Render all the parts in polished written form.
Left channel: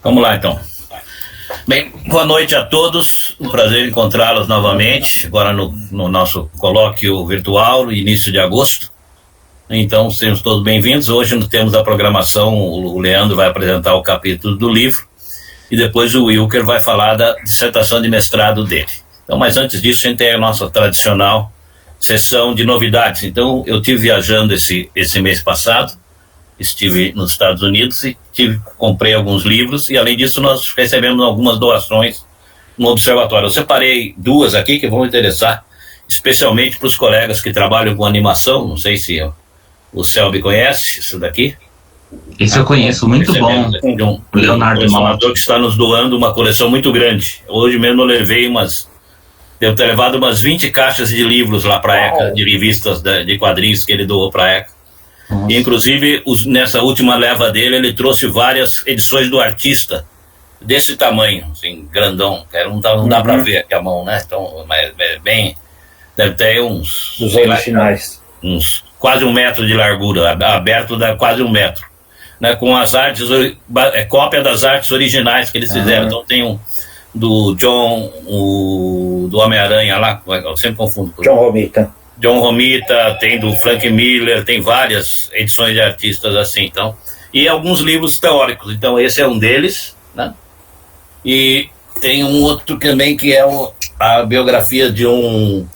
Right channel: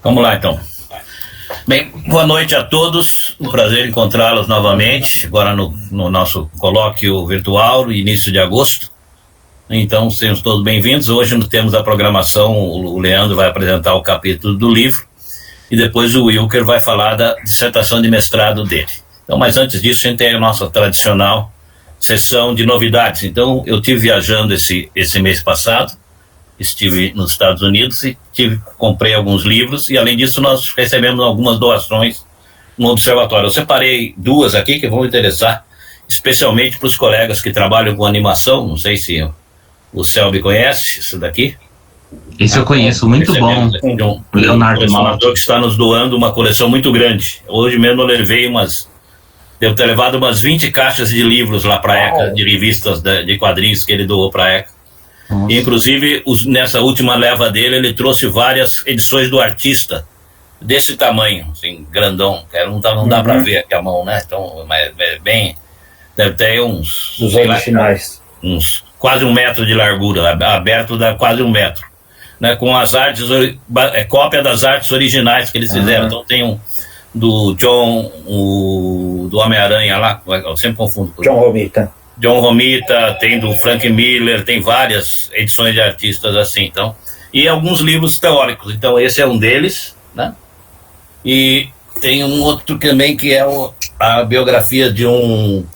Vamos lá, então. Bem, boa noite a todos. Um prazer encontrá-los novamente, agora no nosso colóquio virtual, início de agosto. Então, sejam todos bem-vindos. Hoje temos a programação, o Leandro vai apresentar o capítulo do livro e depois o Wilker vai falar da dissertação de mestrado dele. Então, mas antes disso, a gente tem a nossa tradicional sessão de novidades. Então, eu estive viajando esse mês passado, estive nos Estados Unidos e comprei alguns livros e, além disso, nós recebemos algumas doações no observatório. Eu separei duas aqui que vão interessar, especialmente para os colegas que trabalham com animação. Não sei se o Selby conhece isso daqui. Esse eu conheço, muito bom. De um Leonardo Malta, que está nos doando uma coleção muito grande. Hoje mesmo eu levei devo ter levado umas 20 caixas de livros lá para a ECA, de revistas de quadrinhos que ele doou para a ECA. E, inclusive, nessa última leva dele, ele trouxe várias edições do artista desse tamanho, assim, grandão. Não dá para ver aqui a mão, né? Então, mas é bem... Deve ter uns... Dos originais. Uns quase 1 metro de largura, aberto dá quase 1 metro. Né? Com as artes... cópia das artes originais que eles fizeram. Então, tem um do John... do Homem-Aranha lá, eu sempre confundo. John Romita, tem do Frank Miller, tem várias edições de artistas assim, então, e alguns livros teóricos. Então esse é um deles, né? E tem um outro também que é a biografia de um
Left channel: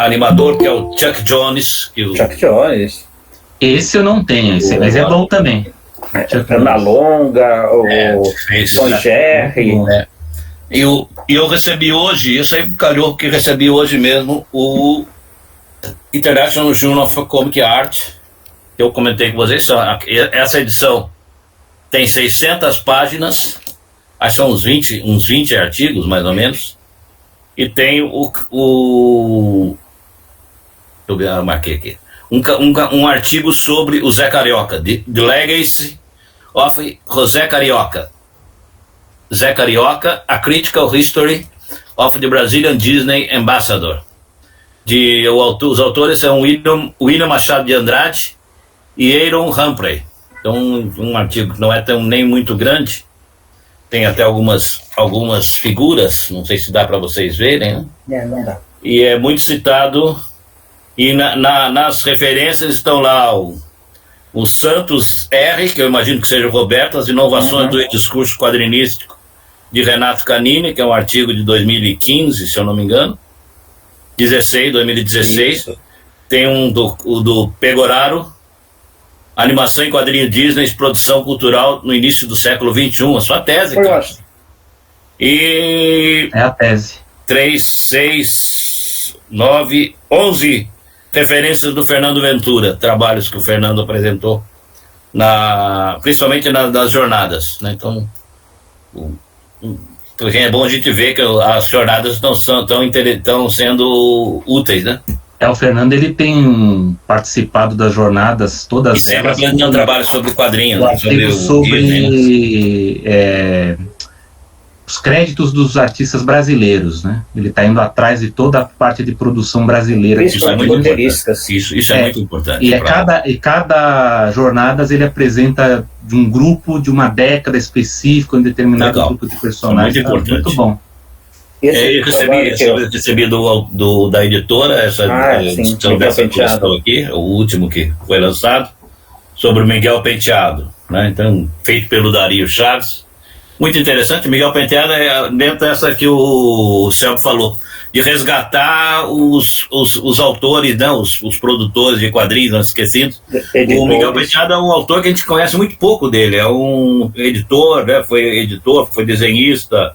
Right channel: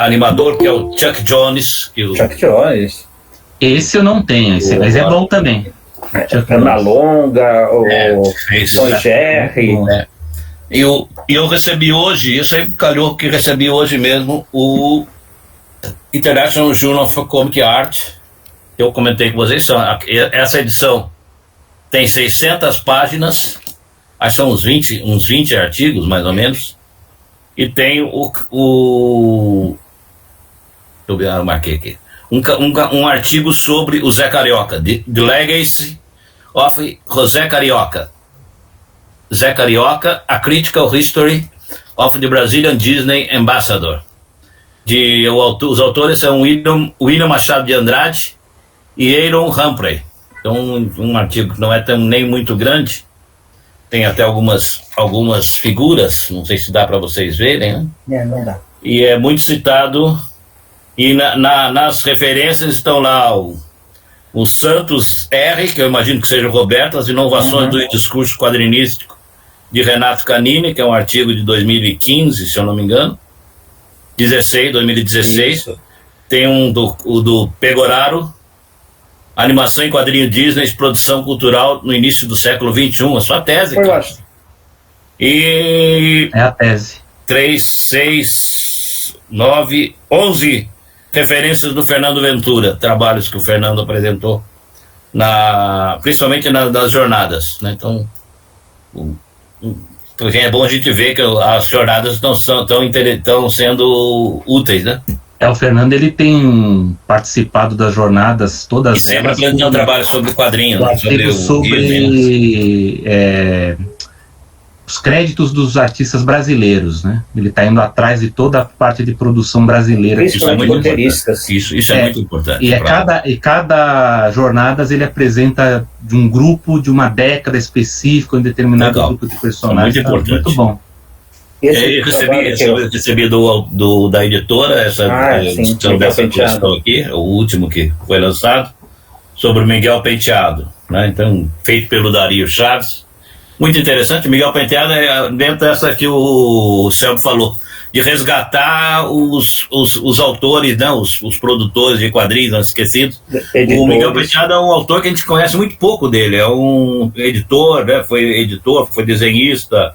animador que é o Chuck Jones. Chuck Jones. Esse eu não tenho, mas é bom também. Ana Longa, o Tom Jerry. E eu recebi hoje, isso aí calhou que recebi hoje mesmo, o International Journal of Comic Art. Eu comentei com vocês, essa edição tem 600 páginas, acho que são uns 20 artigos, mais ou menos, e tem deixa eu ver, eu marquei aqui, um artigo sobre o Zé Carioca, The Legacy of José Carioca. Zé Carioca, A Critical History of the Brazilian Disney Ambassador. Os autores são William Machado de Andrade e Aaron Humphrey. Então, um artigo que não é nem muito grande, tem até algumas figuras, não sei se dá para vocês verem, né? Não dá. E é muito citado, e nas referências estão lá o Santos R., que eu imagino que seja o Roberto, As Inovações do Discurso Quadrinístico, de Renato Canini, que é um artigo de 2015, se eu não me engano, 2016. Isso. Tem o do Pegoraro, Animação em Quadrinho Disney, Produção Cultural no Início do Século XXI, a sua tese, cara. E... é a tese. 3, 6, 9, 11 referências do Fernando Ventura, trabalhos que o Fernando apresentou, principalmente nas jornadas, né? Então, é bom a gente ver que as jornadas estão sendo úteis, né? O Fernando, ele tem participado das jornadas todas. E sempre apresentando trabalho sobre quadrinhos, né? sobre os créditos dos artistas brasileiros, né? Ele está indo atrás de toda a parte de produção brasileira. Isso é muito importante. Isso é muito importante. E cada jornadas ele apresenta de um grupo, de uma década específica, um determinado grupo de personagens. É muito importante. Muito bom. Eu recebi da editora essa edição dessa questão aqui, o último que foi lançado, sobre o Miguel Penteado, né? Então, feito pelo Dario Chaves. Muito interessante. Miguel Penteado é dentro dessa que o Celso falou, de resgatar os autores, né, os produtores de quadrinhos esquecidos. O Miguel Penteado é um autor que a gente conhece muito pouco dele, é um editor, né, foi desenhista,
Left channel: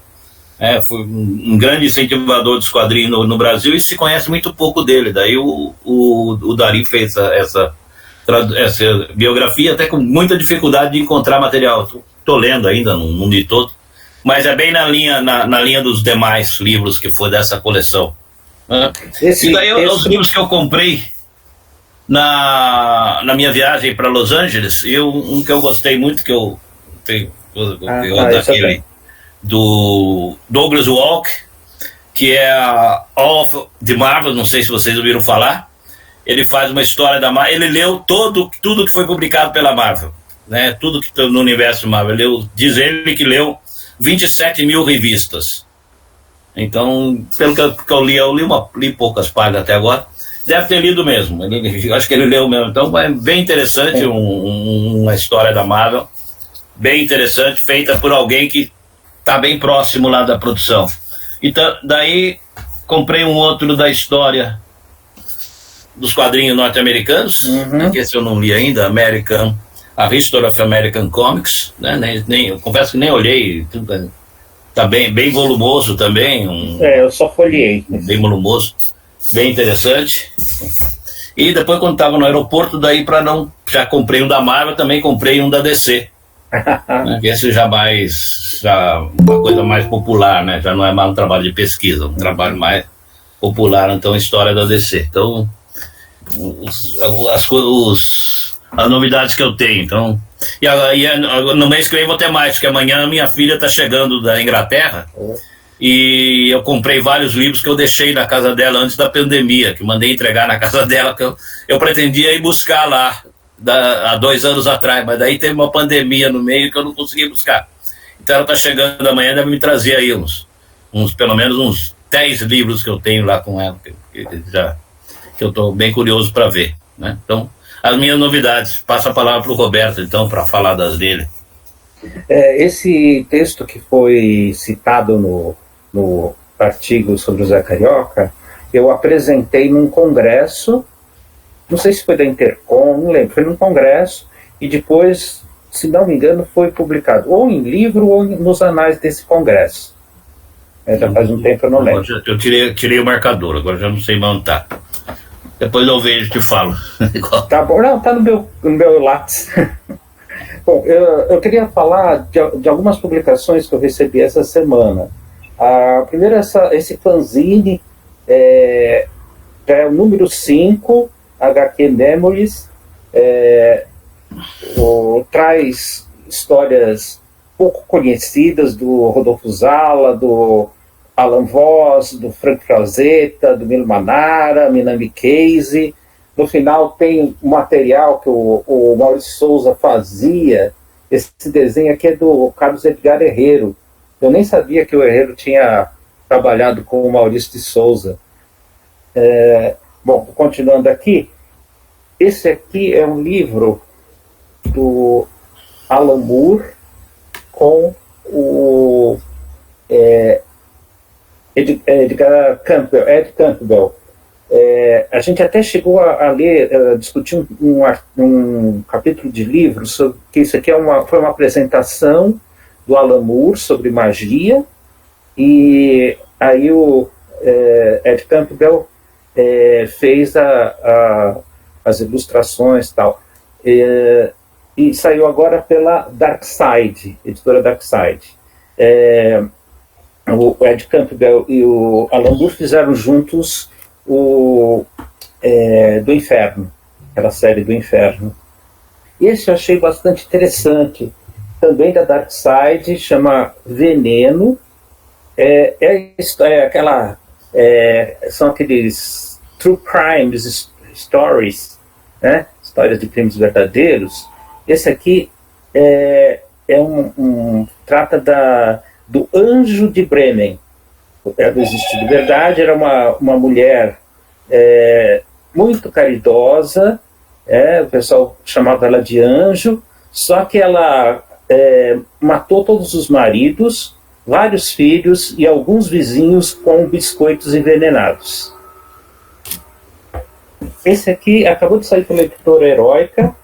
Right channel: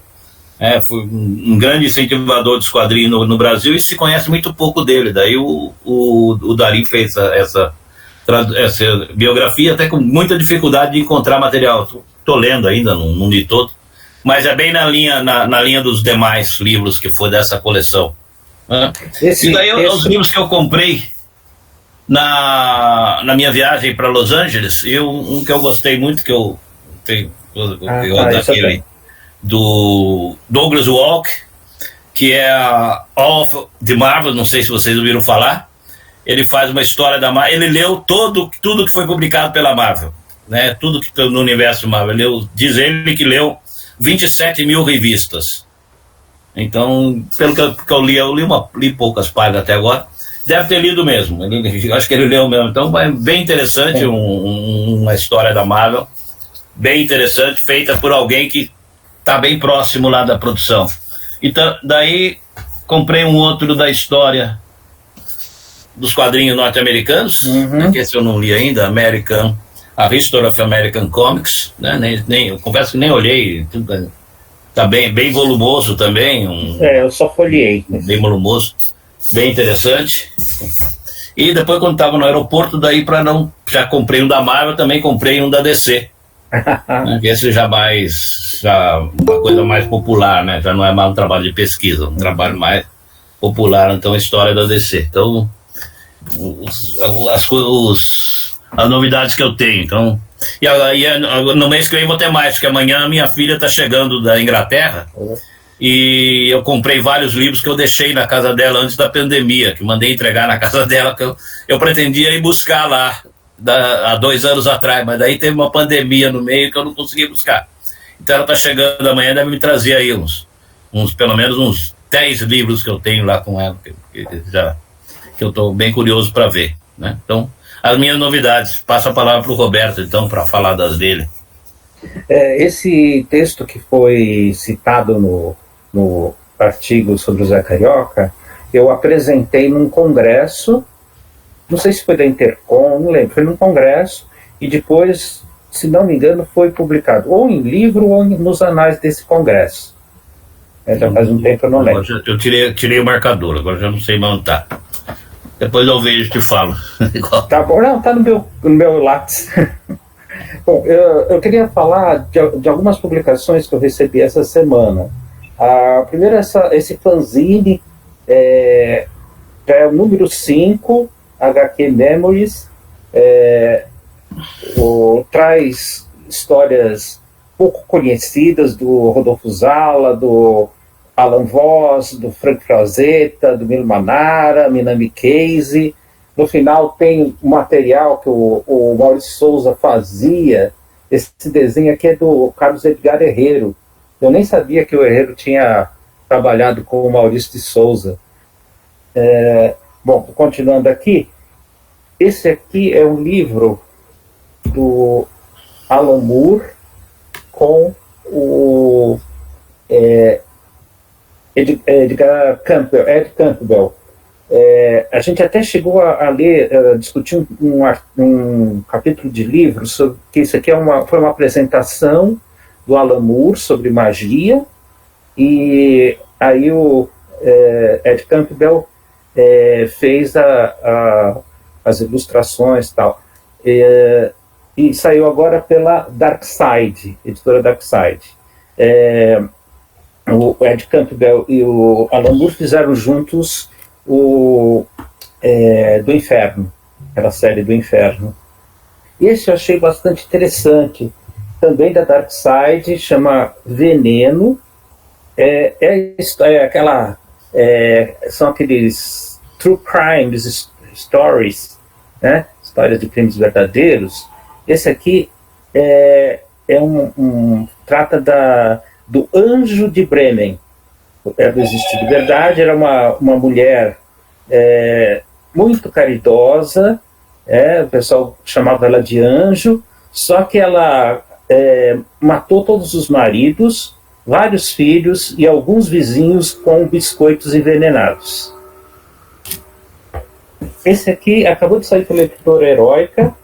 foi um grande incentivador dos quadrinhos no Brasil, e se conhece muito pouco dele. Daí o Dari fez essa biografia, até com muita dificuldade de encontrar material. Estou lendo ainda, não li todo, mas é bem na linha dos demais livros que foi dessa coleção. E daí os livros que eu comprei, Na minha viagem para Los Angeles, um que eu gostei muito, que eu tenho daquele do Douglas Walk, que é All of the Marvel, não sei se vocês ouviram falar. Ele faz uma história da Marvel, ele leu tudo que foi publicado pela Marvel, né? Tudo que no universo Marvel. Diz ele que leu 27 mil revistas. Então, pelo que eu li poucas páginas até agora. Deve ter lido mesmo, eu acho que ele leu mesmo. Então é bem interessante, uma história da Marvel, bem interessante, feita por alguém que está bem próximo lá da produção. Então, daí comprei um outro da história dos quadrinhos norte-americanos, que esse eu não li ainda, A History of American Comics, né? Eu confesso que nem olhei, tá bem volumoso também. Eu só folhei. Bem volumoso. Bem interessante. E depois, quando estava no aeroporto, já comprei um da Marvel, também comprei um da DC. Né? Esse já uma coisa mais popular, né? Já não é mais um trabalho de pesquisa, um trabalho mais popular, então, a história da DC. Então, as novidades que eu tenho. Então, no mês que vem vou ter mais, porque amanhã minha filha está chegando da Inglaterra. E eu comprei vários livros que eu deixei na casa dela antes da pandemia, que mandei entregar na casa dela, que eu pretendia ir buscar lá há 2 anos atrás, mas daí teve uma pandemia no meio que eu não consegui buscar. Então ela está chegando amanhã, deve me trazer aí pelo menos uns 10 livros que eu tenho lá com ela, que eu estou bem curioso para ver, né? Então, as minhas novidades. Passo a palavra para o Roberto, então, para falar das dele. Esse texto que foi citado no artigo sobre o Zé Carioca, eu apresentei num congresso, não sei se foi da Intercom, não lembro, foi num congresso, e depois, se não me engano, foi publicado ou em livro ou nos anais desse congresso. Já faz um tempo, eu não lembro. Eu tirei o marcador, agora já não sei mais onde está. Depois eu vejo e te falo. Tá bom, não, tá no meu lápis. Bom, eu queria falar de algumas publicações que eu recebi essa semana. A primeira é esse fanzine, é o número 5, HQ Memories, traz histórias pouco conhecidas do Rodolfo Zala, do Alan Voss, do Frank Frazetta, do Milo Manara, Minami Case. No final tem um material que o Maurício Souza fazia. Esse desenho aqui é do Carlos Edgar Herrero. Eu nem sabia que o Herrero tinha trabalhado com o Maurício de Souza. Bom, continuando aqui, esse aqui é um livro do Alan Moore com o Ed Campbell. A gente até chegou a ler, discutir um capítulo de livro sobre que isso aqui foi uma apresentação do Alan Moore sobre magia, e aí o Ed Campbell fez as ilustrações e tal. E saiu agora pela Darkside, editora Darkside. O Ed Campbell e o Alan Moore fizeram juntos do Inferno, aquela série do Inferno. Esse eu achei bastante interessante, também da Darkside, chama Veneno. São aqueles true crimes stories, né? Histórias de crimes verdadeiros. Esse aqui trata do Anjo de Bremen. Ela existe de verdade, era uma mulher muito caridosa, o pessoal chamava ela de anjo, só que ela matou todos os maridos, vários filhos e alguns vizinhos com biscoitos envenenados. Esse aqui acabou de sair pela editora Heróica,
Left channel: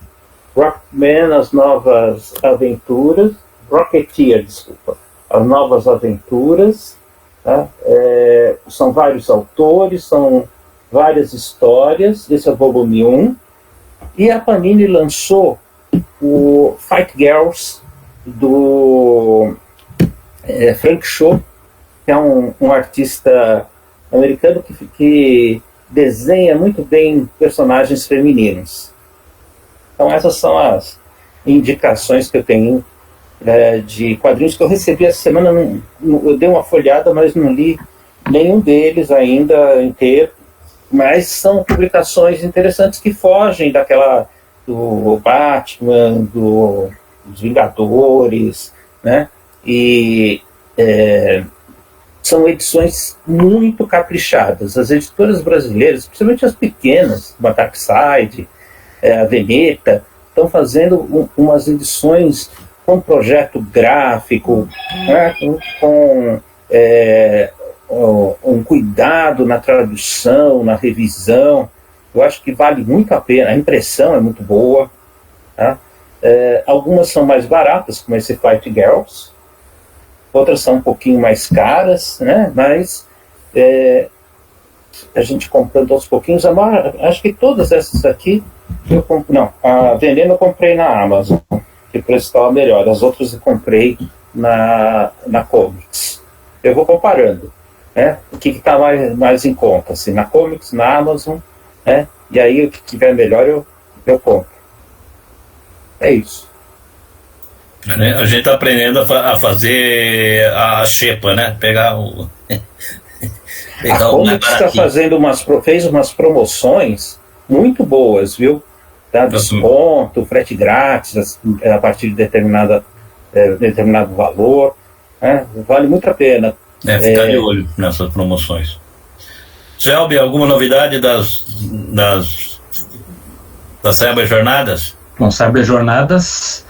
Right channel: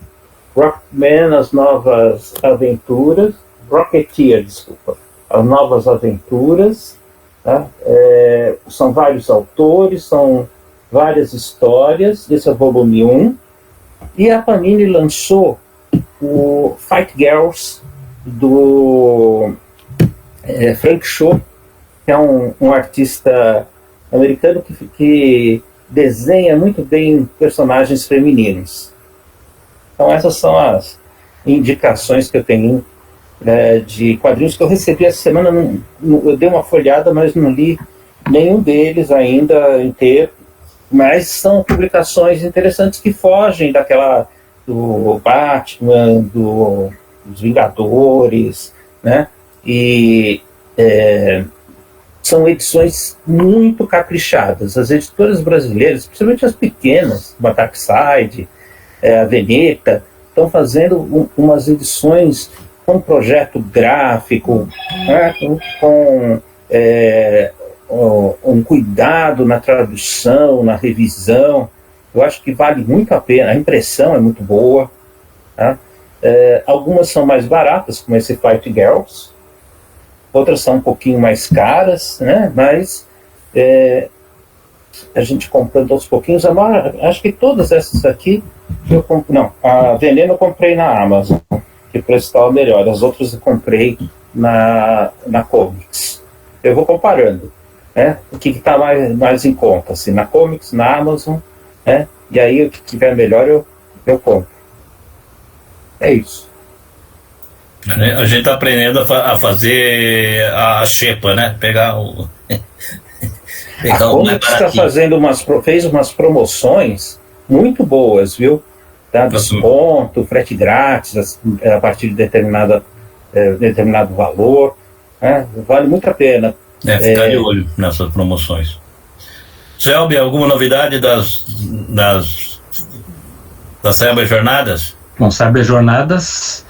Rockman, As Novas Aventuras, Rocketeer, desculpa, As Novas Aventuras. Tá? São vários autores, são várias histórias. Esse é o volume 1. E a Panini lançou o Fight Girls, do Frank Cho, que é um artista americano que desenha muito bem personagens femininos. Então essas são as indicações que eu tenho de quadrinhos que eu recebi essa semana. Eu dei uma folhada, mas não li nenhum deles ainda inteiro, mas são publicações interessantes que fogem daquela do Batman, dos Vingadores, né? E são edições muito caprichadas. As editoras brasileiras, principalmente as pequenas, como a Darkside, a Veneta, estão fazendo umas edições com projeto gráfico, né? com um cuidado na tradução, na revisão. Eu acho que vale muito a pena. A impressão é muito boa, tá? Algumas são mais baratas, como esse Fight Girls. Outras são um pouquinho mais caras, né? Mas a gente comprando aos pouquinhos. Acho que todas essas aqui eu comprei. Não, a Veneno eu comprei na Amazon, que o preço estava melhor. As outras eu comprei na Comics. Eu vou comparando, né? O que está mais em conta, assim, na Comics, na Amazon, né? E aí o que tiver melhor eu compro. É isso. A gente está aprendendo a fazer a xepa, né? Pegar o. A Comics fez umas promoções muito boas, viu? Tá? Desconto, frete grátis a partir de determinado valor. Né? Vale muito a pena. Ficar de olho nessas promoções. Selby, alguma novidade das Cyber Jornadas? Bom, Cyber Jornadas,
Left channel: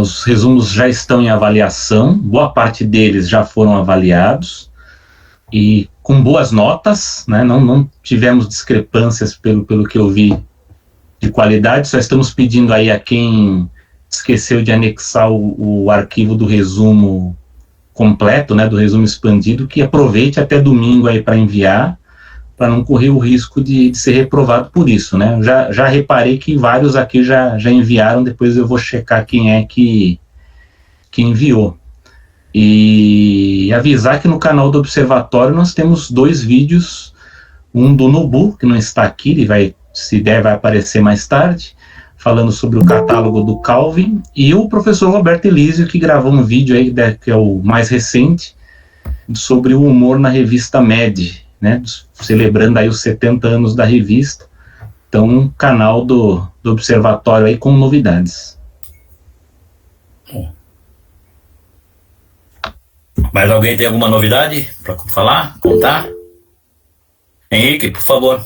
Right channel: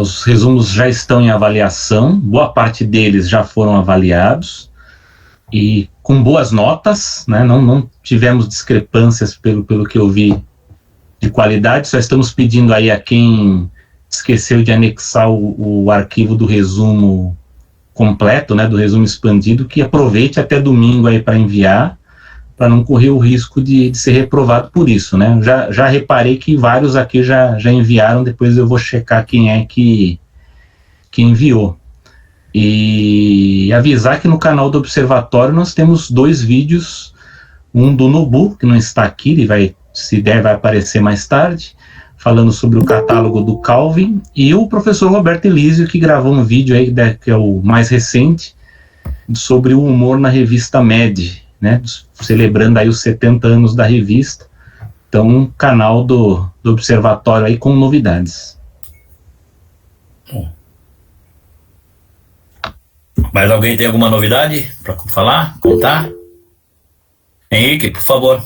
os resumos já estão em avaliação, boa parte deles já foram avaliados e com boas notas, né? Não tivemos discrepâncias pelo que eu vi de qualidade, só estamos pedindo aí a quem esqueceu de anexar o arquivo do resumo completo, né, do resumo expandido, que aproveite até domingo aí para enviar, para não correr o risco de ser reprovado por isso, né? Já reparei que vários aqui já enviaram, depois eu vou checar quem é que enviou. E avisar que no canal do Observatório nós temos 2 vídeos, um do Nubu, que não está aqui, ele vai, se der, vai aparecer mais tarde, falando sobre o catálogo do Calvin, e o professor Roberto Elísio, que gravou um vídeo aí, que é o mais recente, sobre o humor na revista Mad, né, celebrando aí os 70 anos da revista. Então, um canal do Observatório aí com novidades. Mais alguém tem alguma novidade para falar, contar? Henrique, por favor.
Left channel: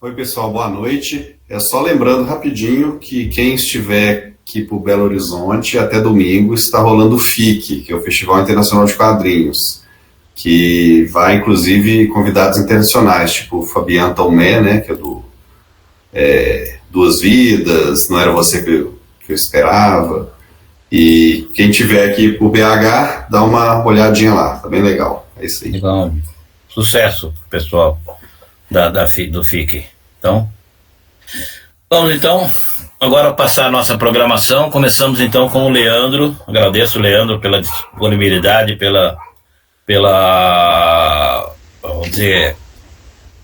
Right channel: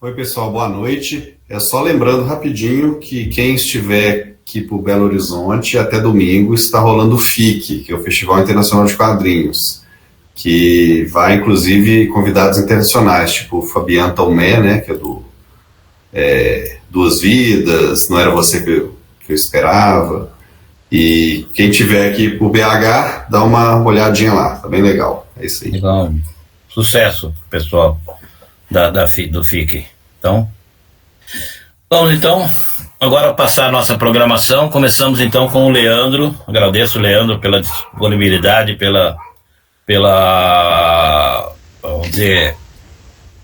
Oi, pessoal, boa noite. Só lembrando rapidinho que quem estiver aqui por Belo Horizonte, até domingo, está rolando o FIC, que é o Festival Internacional de Quadrinhos, que vai, inclusive, convidados internacionais, tipo o Fabian Tomé, né, que é do Duas Vidas, Não Era Você que eu Esperava. E quem estiver aqui por BH, dá uma olhadinha lá, tá bem legal. É isso aí. Legal. Sucesso, pessoal do FIC. Então, vamos então agora passar a nossa programação. Começamos então com o Leandro. Agradeço o Leandro pela disponibilidade, pela vamos dizer,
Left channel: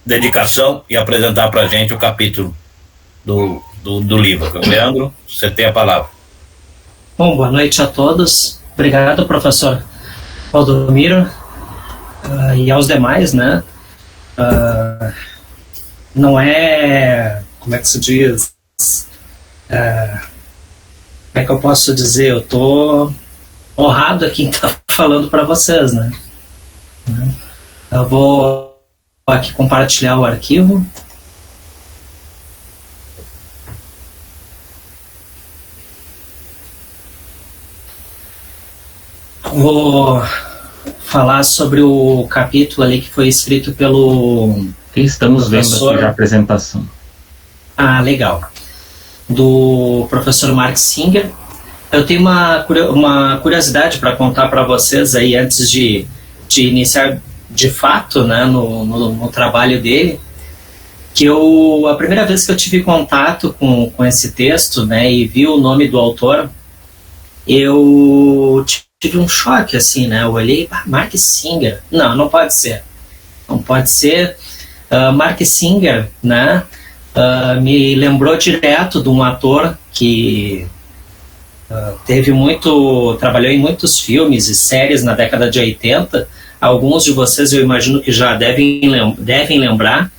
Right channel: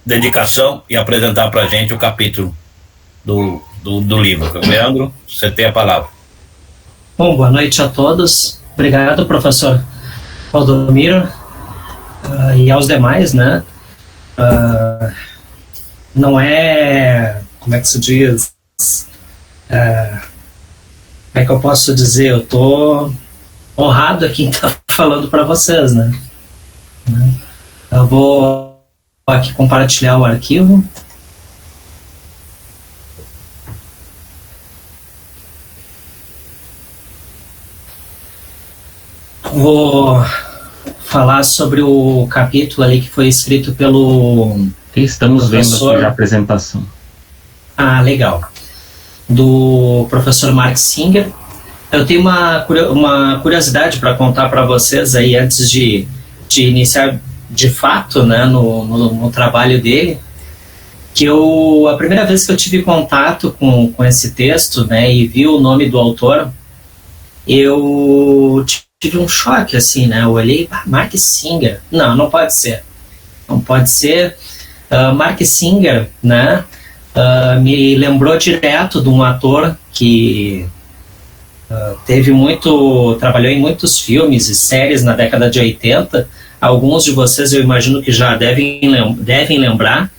dedicação e apresentar para a gente o capítulo do livro. Leandro, você tem a palavra. Bom, boa noite a todos. Obrigado, professor Valdomiro, e aos demais, né? Não é, como é que se diz, como é que eu posso dizer, eu tô honrado aqui em estar falando para vocês, né? Eu vou aqui compartilhar o arquivo. Vou falar sobre o capítulo ali que foi escrito pelo... Que estamos vendo aqui a apresentação. Ah, legal. Do professor Mark Singer. Eu tenho uma curiosidade para contar para vocês aí antes de iniciar de fato, né, no trabalho dele, que a primeira vez que eu tive contato com esse texto, né, e vi o nome do autor, eu tive um choque, assim, né, eu olhei, Mark Singer, não pode ser. Não pode ser. Mark Singer, né, me lembrou direto de um ator que trabalhou em muitos filmes e séries na década de 80. Alguns de vocês eu imagino que já devem lembrar.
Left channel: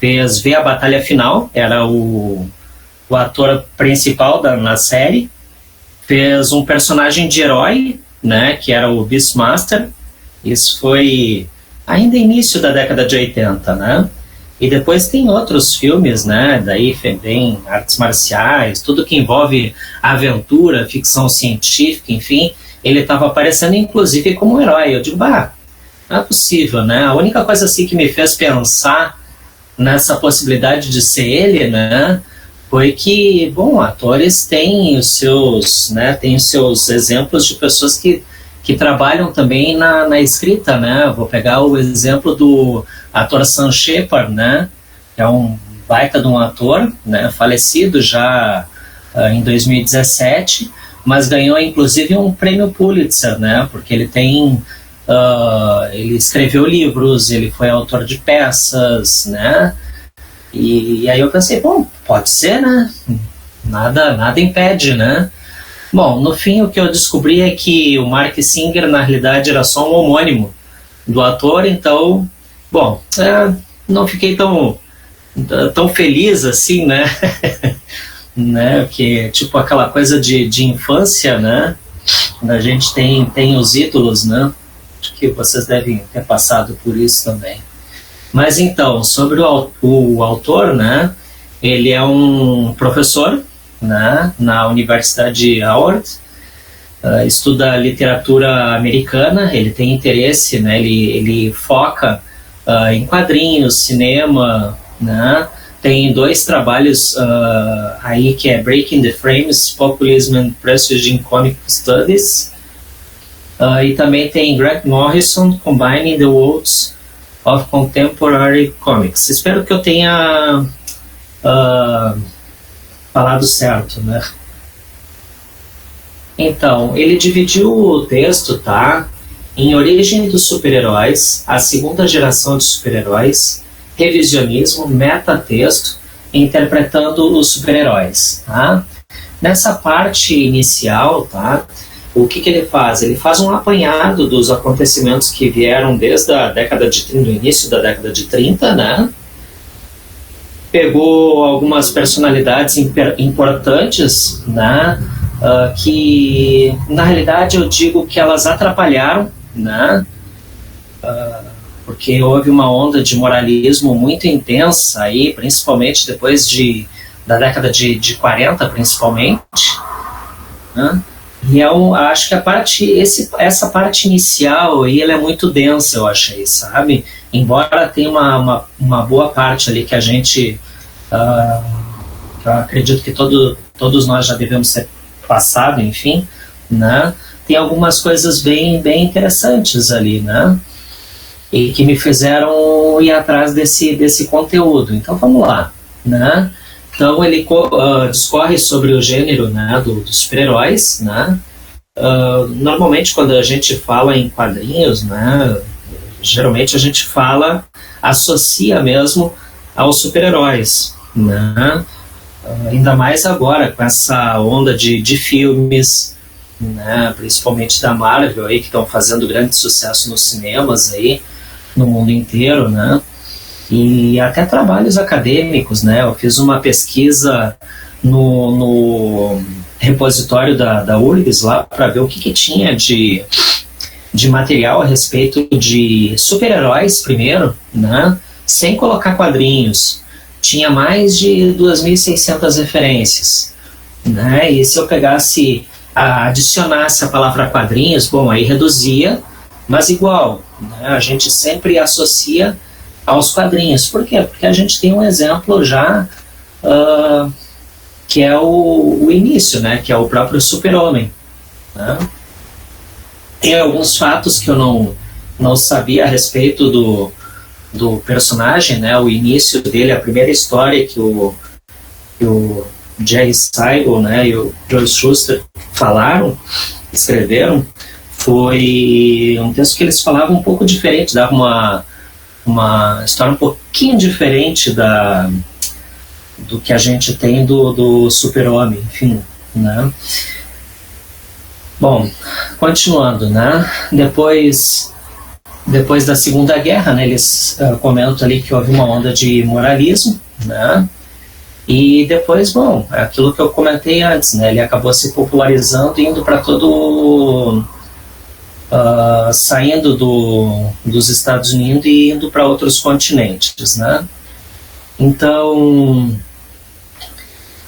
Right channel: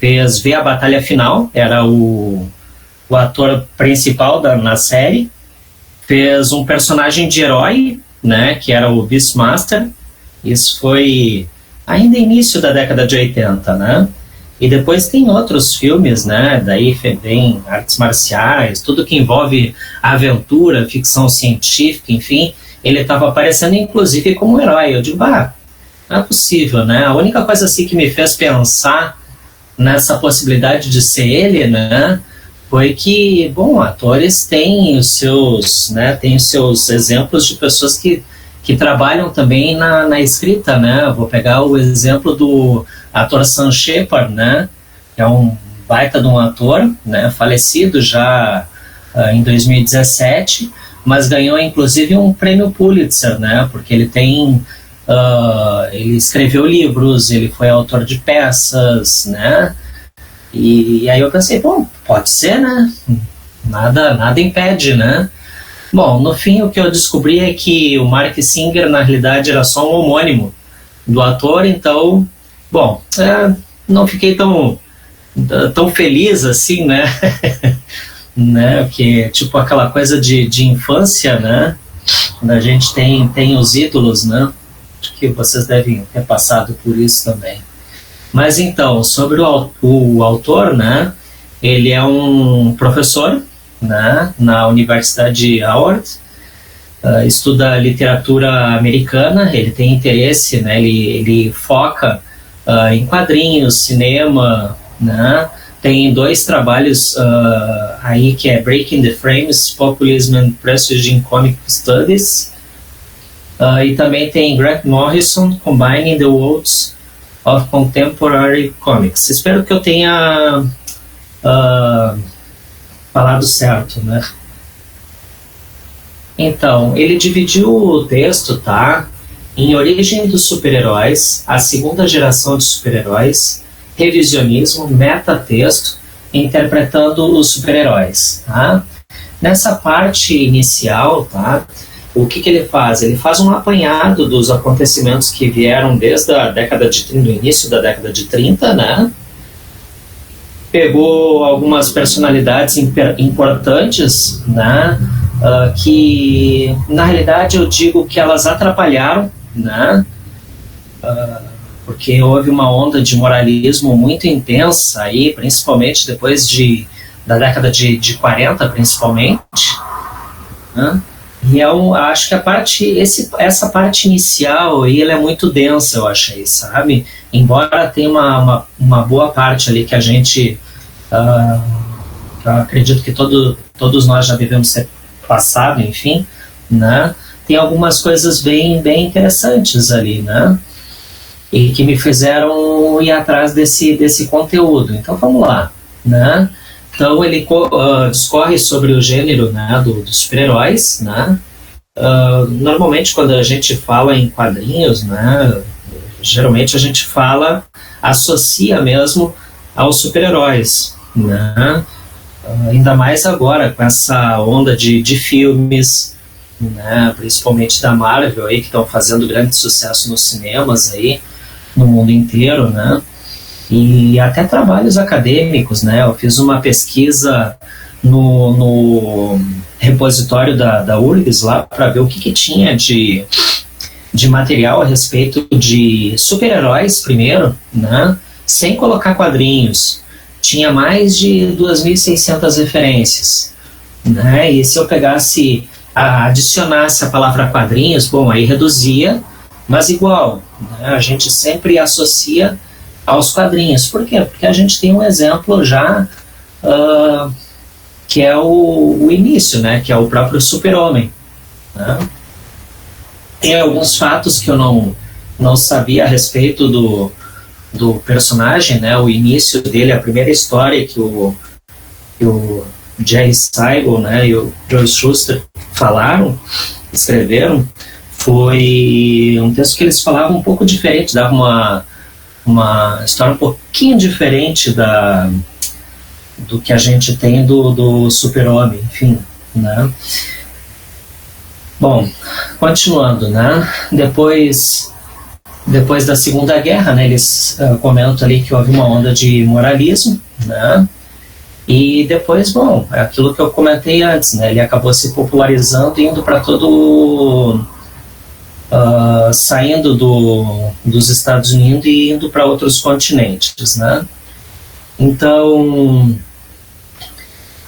Fez Ver a Batalha Final, era o ator principal na série. Fez um personagem de herói, né, que era o Beastmaster. Isso foi ainda início da década de 80, né? E depois tem outros filmes, né? Daí vem artes marciais, tudo que envolve aventura, ficção científica, enfim. Ele estava aparecendo, inclusive, como herói. Eu digo, não é possível, né? A única coisa assim que me fez pensar nessa possibilidade de ser ele, né? Foi que, atores têm os seus exemplos de pessoas que trabalham também na escrita, né? Vou pegar o exemplo do ator Sam Shepard, né? Que é um baita de um ator, né? Falecido já em 2017, mas ganhou inclusive um prêmio Pulitzer, né? Porque ele escreveu livros, ele foi autor de peças, né? E aí eu pensei, pode ser, né? Nada impede, né? Bom, no fim o que eu descobri é que o Mark Singer na realidade era só um homônimo do ator, então, não fiquei tão feliz assim, né? Né? Porque, tipo, aquela coisa de infância, né? Quando a gente tem os ídolos, né? Acho que vocês devem ter passado por isso também. Mas então, sobre o autor, né? Ele é um professor, né, na Universidade de Howard, estuda literatura americana, ele tem interesse, né, ele foca em quadrinhos, cinema, né, tem 2 trabalhos aí que é Breaking the Frames, Populism and Prestige in Comic Studies, e também tem Grant Morrison, Combining the Worlds of Contemporary Comics. Espero que eu tenha falado certo, né? Então, ele dividiu o texto, tá? Em Origem dos Super-Heróis, a segunda geração de super-heróis, revisionismo, metatexto, interpretando os super-heróis, tá? Nessa parte inicial, tá? O que ele faz? Ele faz um apanhado dos acontecimentos que vieram desde a década de 30, do início da década de 30, né? Pegou algumas personalidades importantes, né, que na realidade eu digo que elas atrapalharam, né, porque houve uma onda de moralismo muito intensa aí, principalmente depois da década de 40, principalmente, né, e eu acho que essa parte inicial aí, ela é muito densa, eu achei, sabe? Embora tenha uma boa parte ali que a gente, acredito que todos nós já devemos ter passado, enfim, né? Tem algumas coisas bem interessantes ali, né? E que me fizeram ir atrás desse conteúdo. Então vamos lá, né? Então ele discorre sobre o gênero, né, dos super-heróis, né? Normalmente quando a gente fala em quadrinhos, né, geralmente a gente associa mesmo aos super-heróis, né? Ainda mais agora com essa onda de filmes, né, principalmente da Marvel aí, que estão fazendo grande sucesso nos cinemas aí, no mundo inteiro, né? E até trabalhos acadêmicos, né? Eu fiz uma pesquisa no repositório da URGS lá para ver o que tinha de material a respeito de super-heróis primeiro, né? Sem colocar quadrinhos. Tinha mais de 2.600 referências, né? E se eu adicionasse a palavra quadrinhos, bom, aí reduzia, mas igual, né? A gente sempre associa aos quadrinhos. Por quê? Porque a gente tem um exemplo já que é o início, né? Que é o próprio Super-Homem, né? Tem alguns fatos que eu não sabia a respeito do personagem, né? O início dele, a primeira história que o Jerry Siegel, né, e o Joe Shuster escreveram, foi um texto que eles falavam um pouco diferente, dava uma história um pouquinho diferente do que a gente tem do Super-Homem, enfim, né? Bom, continuando, né? Depois da Segunda Guerra, né, eles comentam ali que houve uma onda de moralismo, né? E depois, bom, é aquilo que eu comentei antes, né? Ele acabou se popularizando, indo para todo... saindo dos Estados Unidos e indo para outros continentes, né? Então,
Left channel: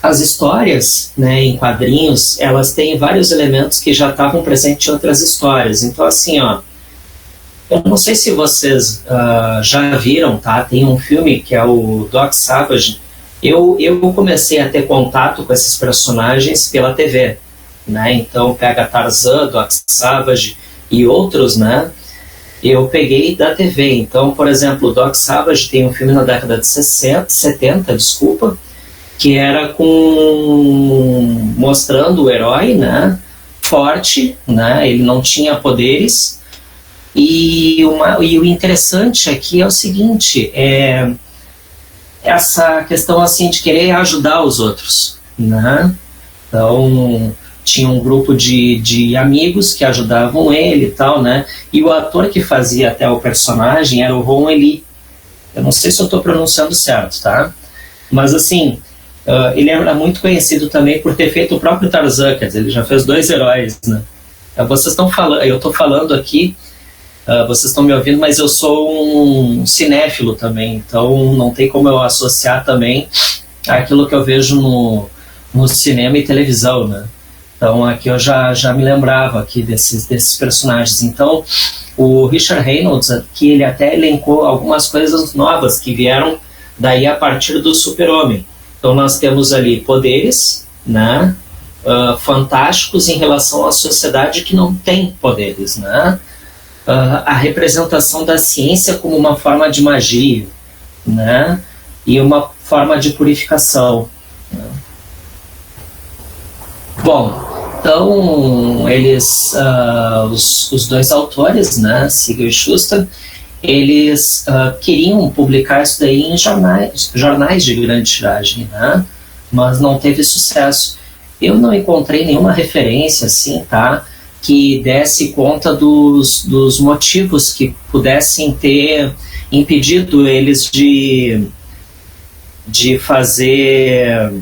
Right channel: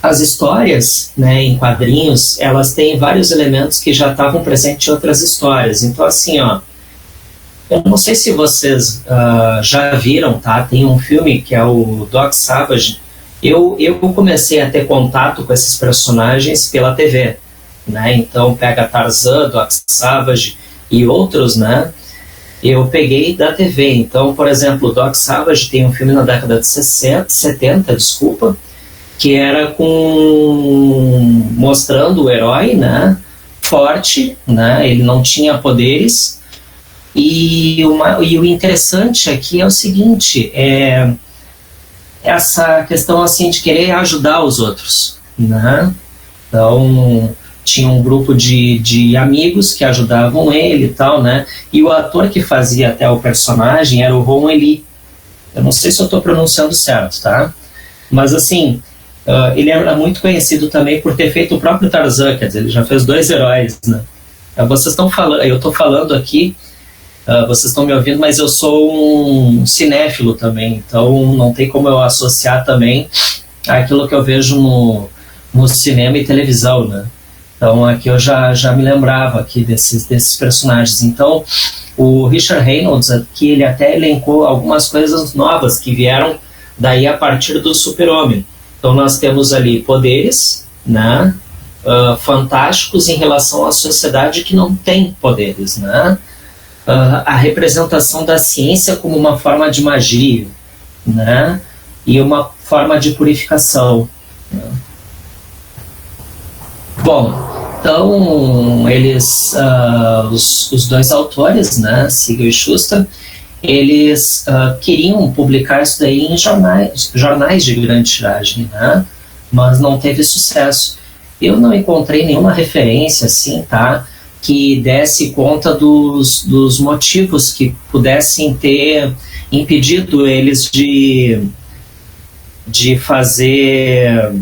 as histórias, né, em quadrinhos, elas têm vários elementos que já estavam presentes em outras histórias. Então, assim, ó, eu não sei se vocês já viram, tá? Tem um filme que é o Doc Savage. Eu comecei a ter contato com esses personagens pela TV, né? Então, pega Tarzan, Doc Savage e outros, né? Eu peguei da TV. Então, por exemplo, o Doc Savage tem um filme na década de 70, desculpa, que era mostrando o herói, né, forte, né, ele não tinha poderes, e o interessante aqui é o seguinte, essa questão assim de querer ajudar os outros, né? Então tinha um grupo de amigos que ajudavam ele e tal, né? E o ator que fazia até o personagem era o Ron Ely. Eu não sei se eu estou pronunciando certo, tá? Mas assim, ele era muito conhecido também por ter feito o próprio Tarzan, quer dizer, ele já fez 2 heróis, né? Vocês estão falando, eu estou falando aqui, vocês estão me ouvindo, mas eu sou um cinéfilo também, então não tem como eu associar também aquilo que eu vejo no cinema e televisão, né? Então aqui eu já me lembrava aqui desses personagens. Então o Richard Reynolds aqui, ele até elencou algumas coisas novas que vieram daí a partir do Super-Homem. Então nós temos ali poderes, né, fantásticos em relação à sociedade que não tem poderes, né? A representação da ciência como uma forma de magia, né, e uma forma de purificação, né? Bom, então eles, os 2 autores, né, Siegel e Shuster, eles queriam publicar isso daí em jornais de grande tiragem, né? Mas não teve sucesso. Eu não encontrei nenhuma referência assim, tá, que desse conta dos motivos que pudessem ter impedido eles de fazer,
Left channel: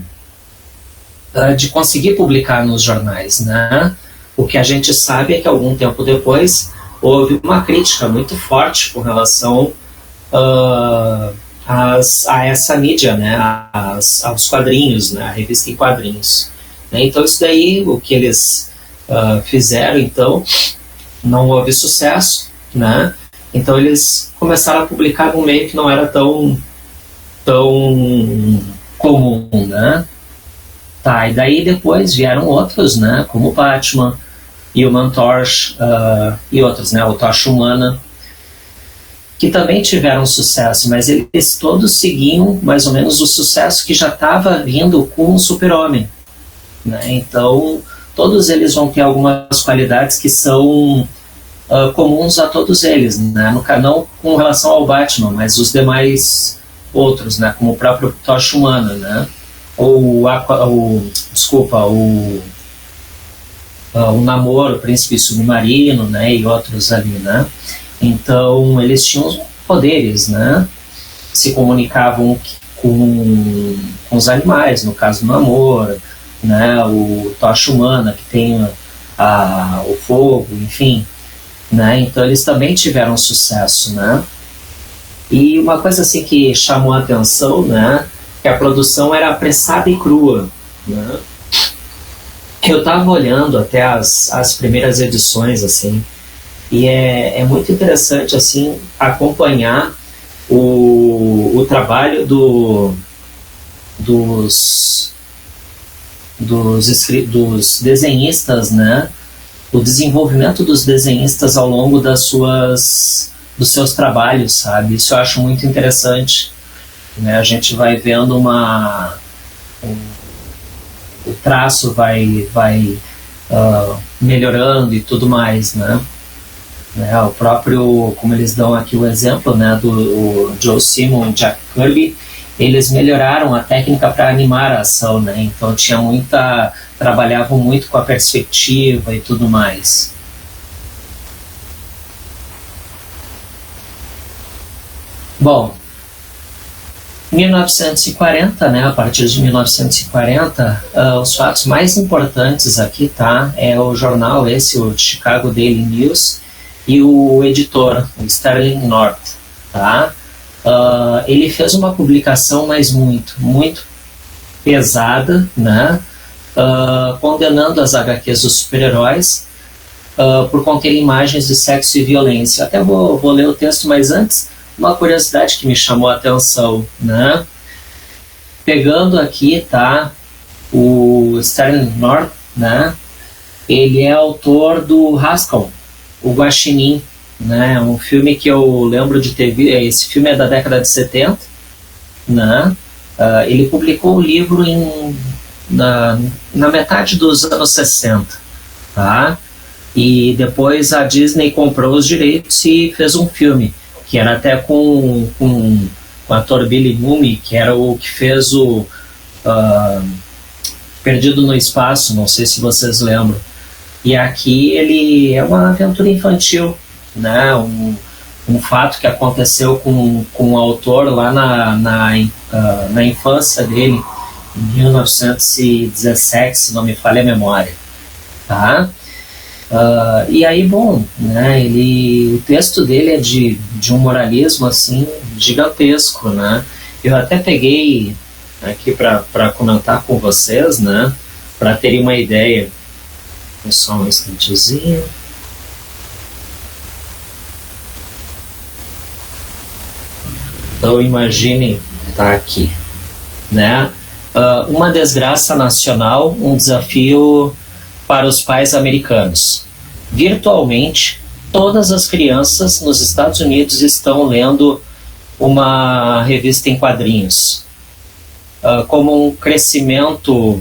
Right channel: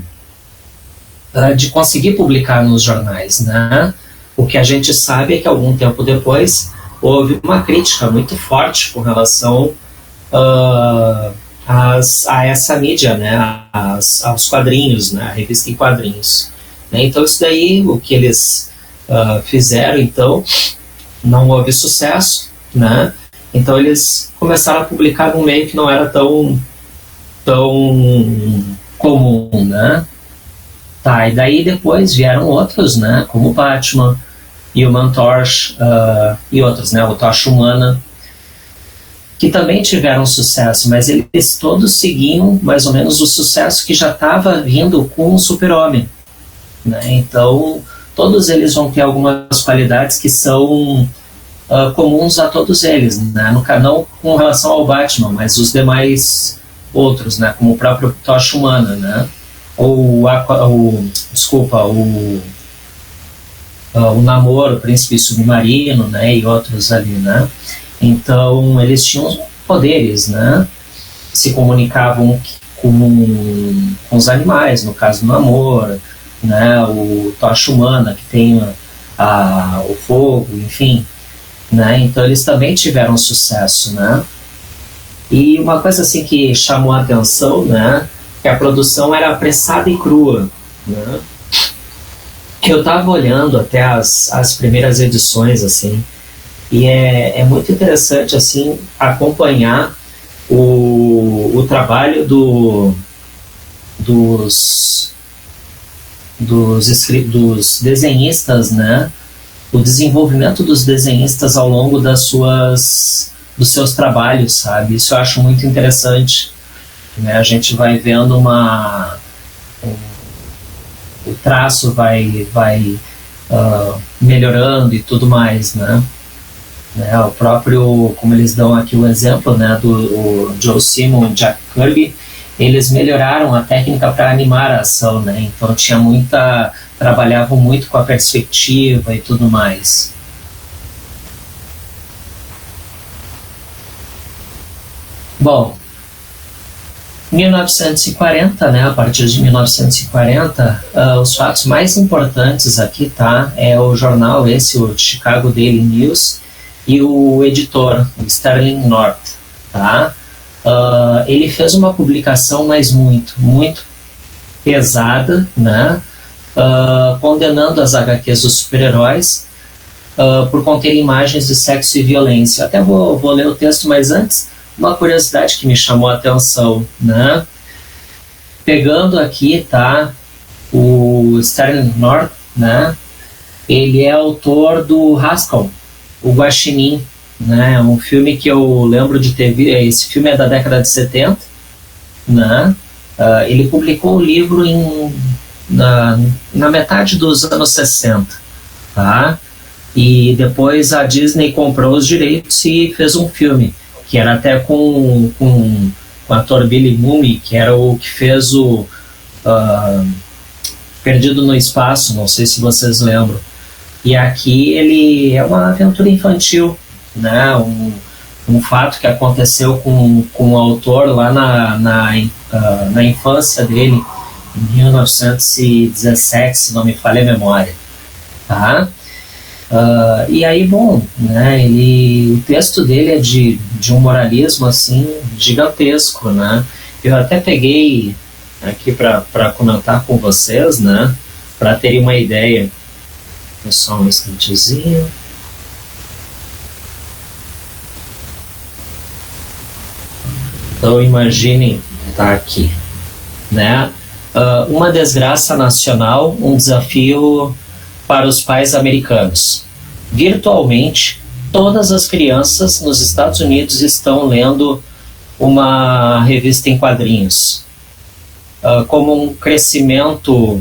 de conseguir publicar nos jornais, né? O que a gente sabe é que algum tempo depois houve uma crítica muito forte com relação a essa mídia, né, aos quadrinhos, né, a revista em quadrinhos, né? Então isso daí, o que eles fizeram, então, não houve sucesso, né? Então eles começaram a publicar num meio que não era tão comum, né? Tá, e daí depois vieram outros, né, como o Batman, Human Torch e outros, né, o Tocha Humana, que também tiveram sucesso, mas eles todos seguiam mais ou menos o sucesso que já estava vindo com o Super-Homem, né? Então todos eles vão ter algumas qualidades que são comuns a todos eles, né? Não com relação ao Batman, mas os demais outros, né, como o próprio Tocha Humana, né? O Namor, o Príncipe Submarino, né, e outros ali, né? Então eles tinham poderes, né? Se comunicavam com os animais, no caso do Namor, né? O Tocha Humana, que tem o fogo, enfim, né? Então eles também tiveram sucesso, né? E uma coisa assim que chamou a atenção, né, que a produção era apressada e crua, né? Eu estava olhando até as primeiras edições, assim, e é muito interessante, assim, acompanhar o trabalho dos desenhistas, né? O desenvolvimento dos desenhistas ao longo dos seus trabalhos, sabe? Isso eu acho muito interessante, né? A gente vai vendo o traço vai melhorando e tudo mais, né? né? O próprio, como eles dão aqui o exemplo, né, do Joe Simon e Jack Kirby, eles melhoraram a técnica para animar a ação, né? Então trabalhavam muito com a perspectiva e tudo mais. Bom, 1940, né, a partir de 1940, os fatos mais importantes aqui, tá, é o jornal esse, o Chicago Daily News, e o editor, o Sterling North, tá? Ele fez uma publicação, mas muito pesada, né, condenando as HQs dos super-heróis por conter imagens de sexo e violência. Até vou ler o texto, mas antes, uma curiosidade que me chamou a atenção, né? Pegando aqui, tá, o Sterling North, né? Ele é autor do Haskell, o Guaxinim, né? Um filme que eu lembro de ter visto. Esse filme é da década de 70, né? Ele publicou o livro na metade dos anos 60, tá? E depois a Disney comprou os direitos e fez um filme, que era até com o ator Billy Mumy, que era o que fez o Perdido no Espaço, não sei se vocês lembram. E aqui ele é uma aventura infantil, né? Um fato que aconteceu com o autor lá na infância dele, em 1917, se não me falha a memória, tá? E aí, bom, né, o texto dele é de um moralismo assim gigantesco, né? Eu até peguei aqui para comentar com vocês, né, para terem uma ideia. Só um instantezinho. Então imaginem, tá aqui, né? Uma desgraça nacional, um desafio para os pais americanos. Virtualmente, todas as crianças nos Estados Unidos estão lendo uma revista em quadrinhos. Como um crescimento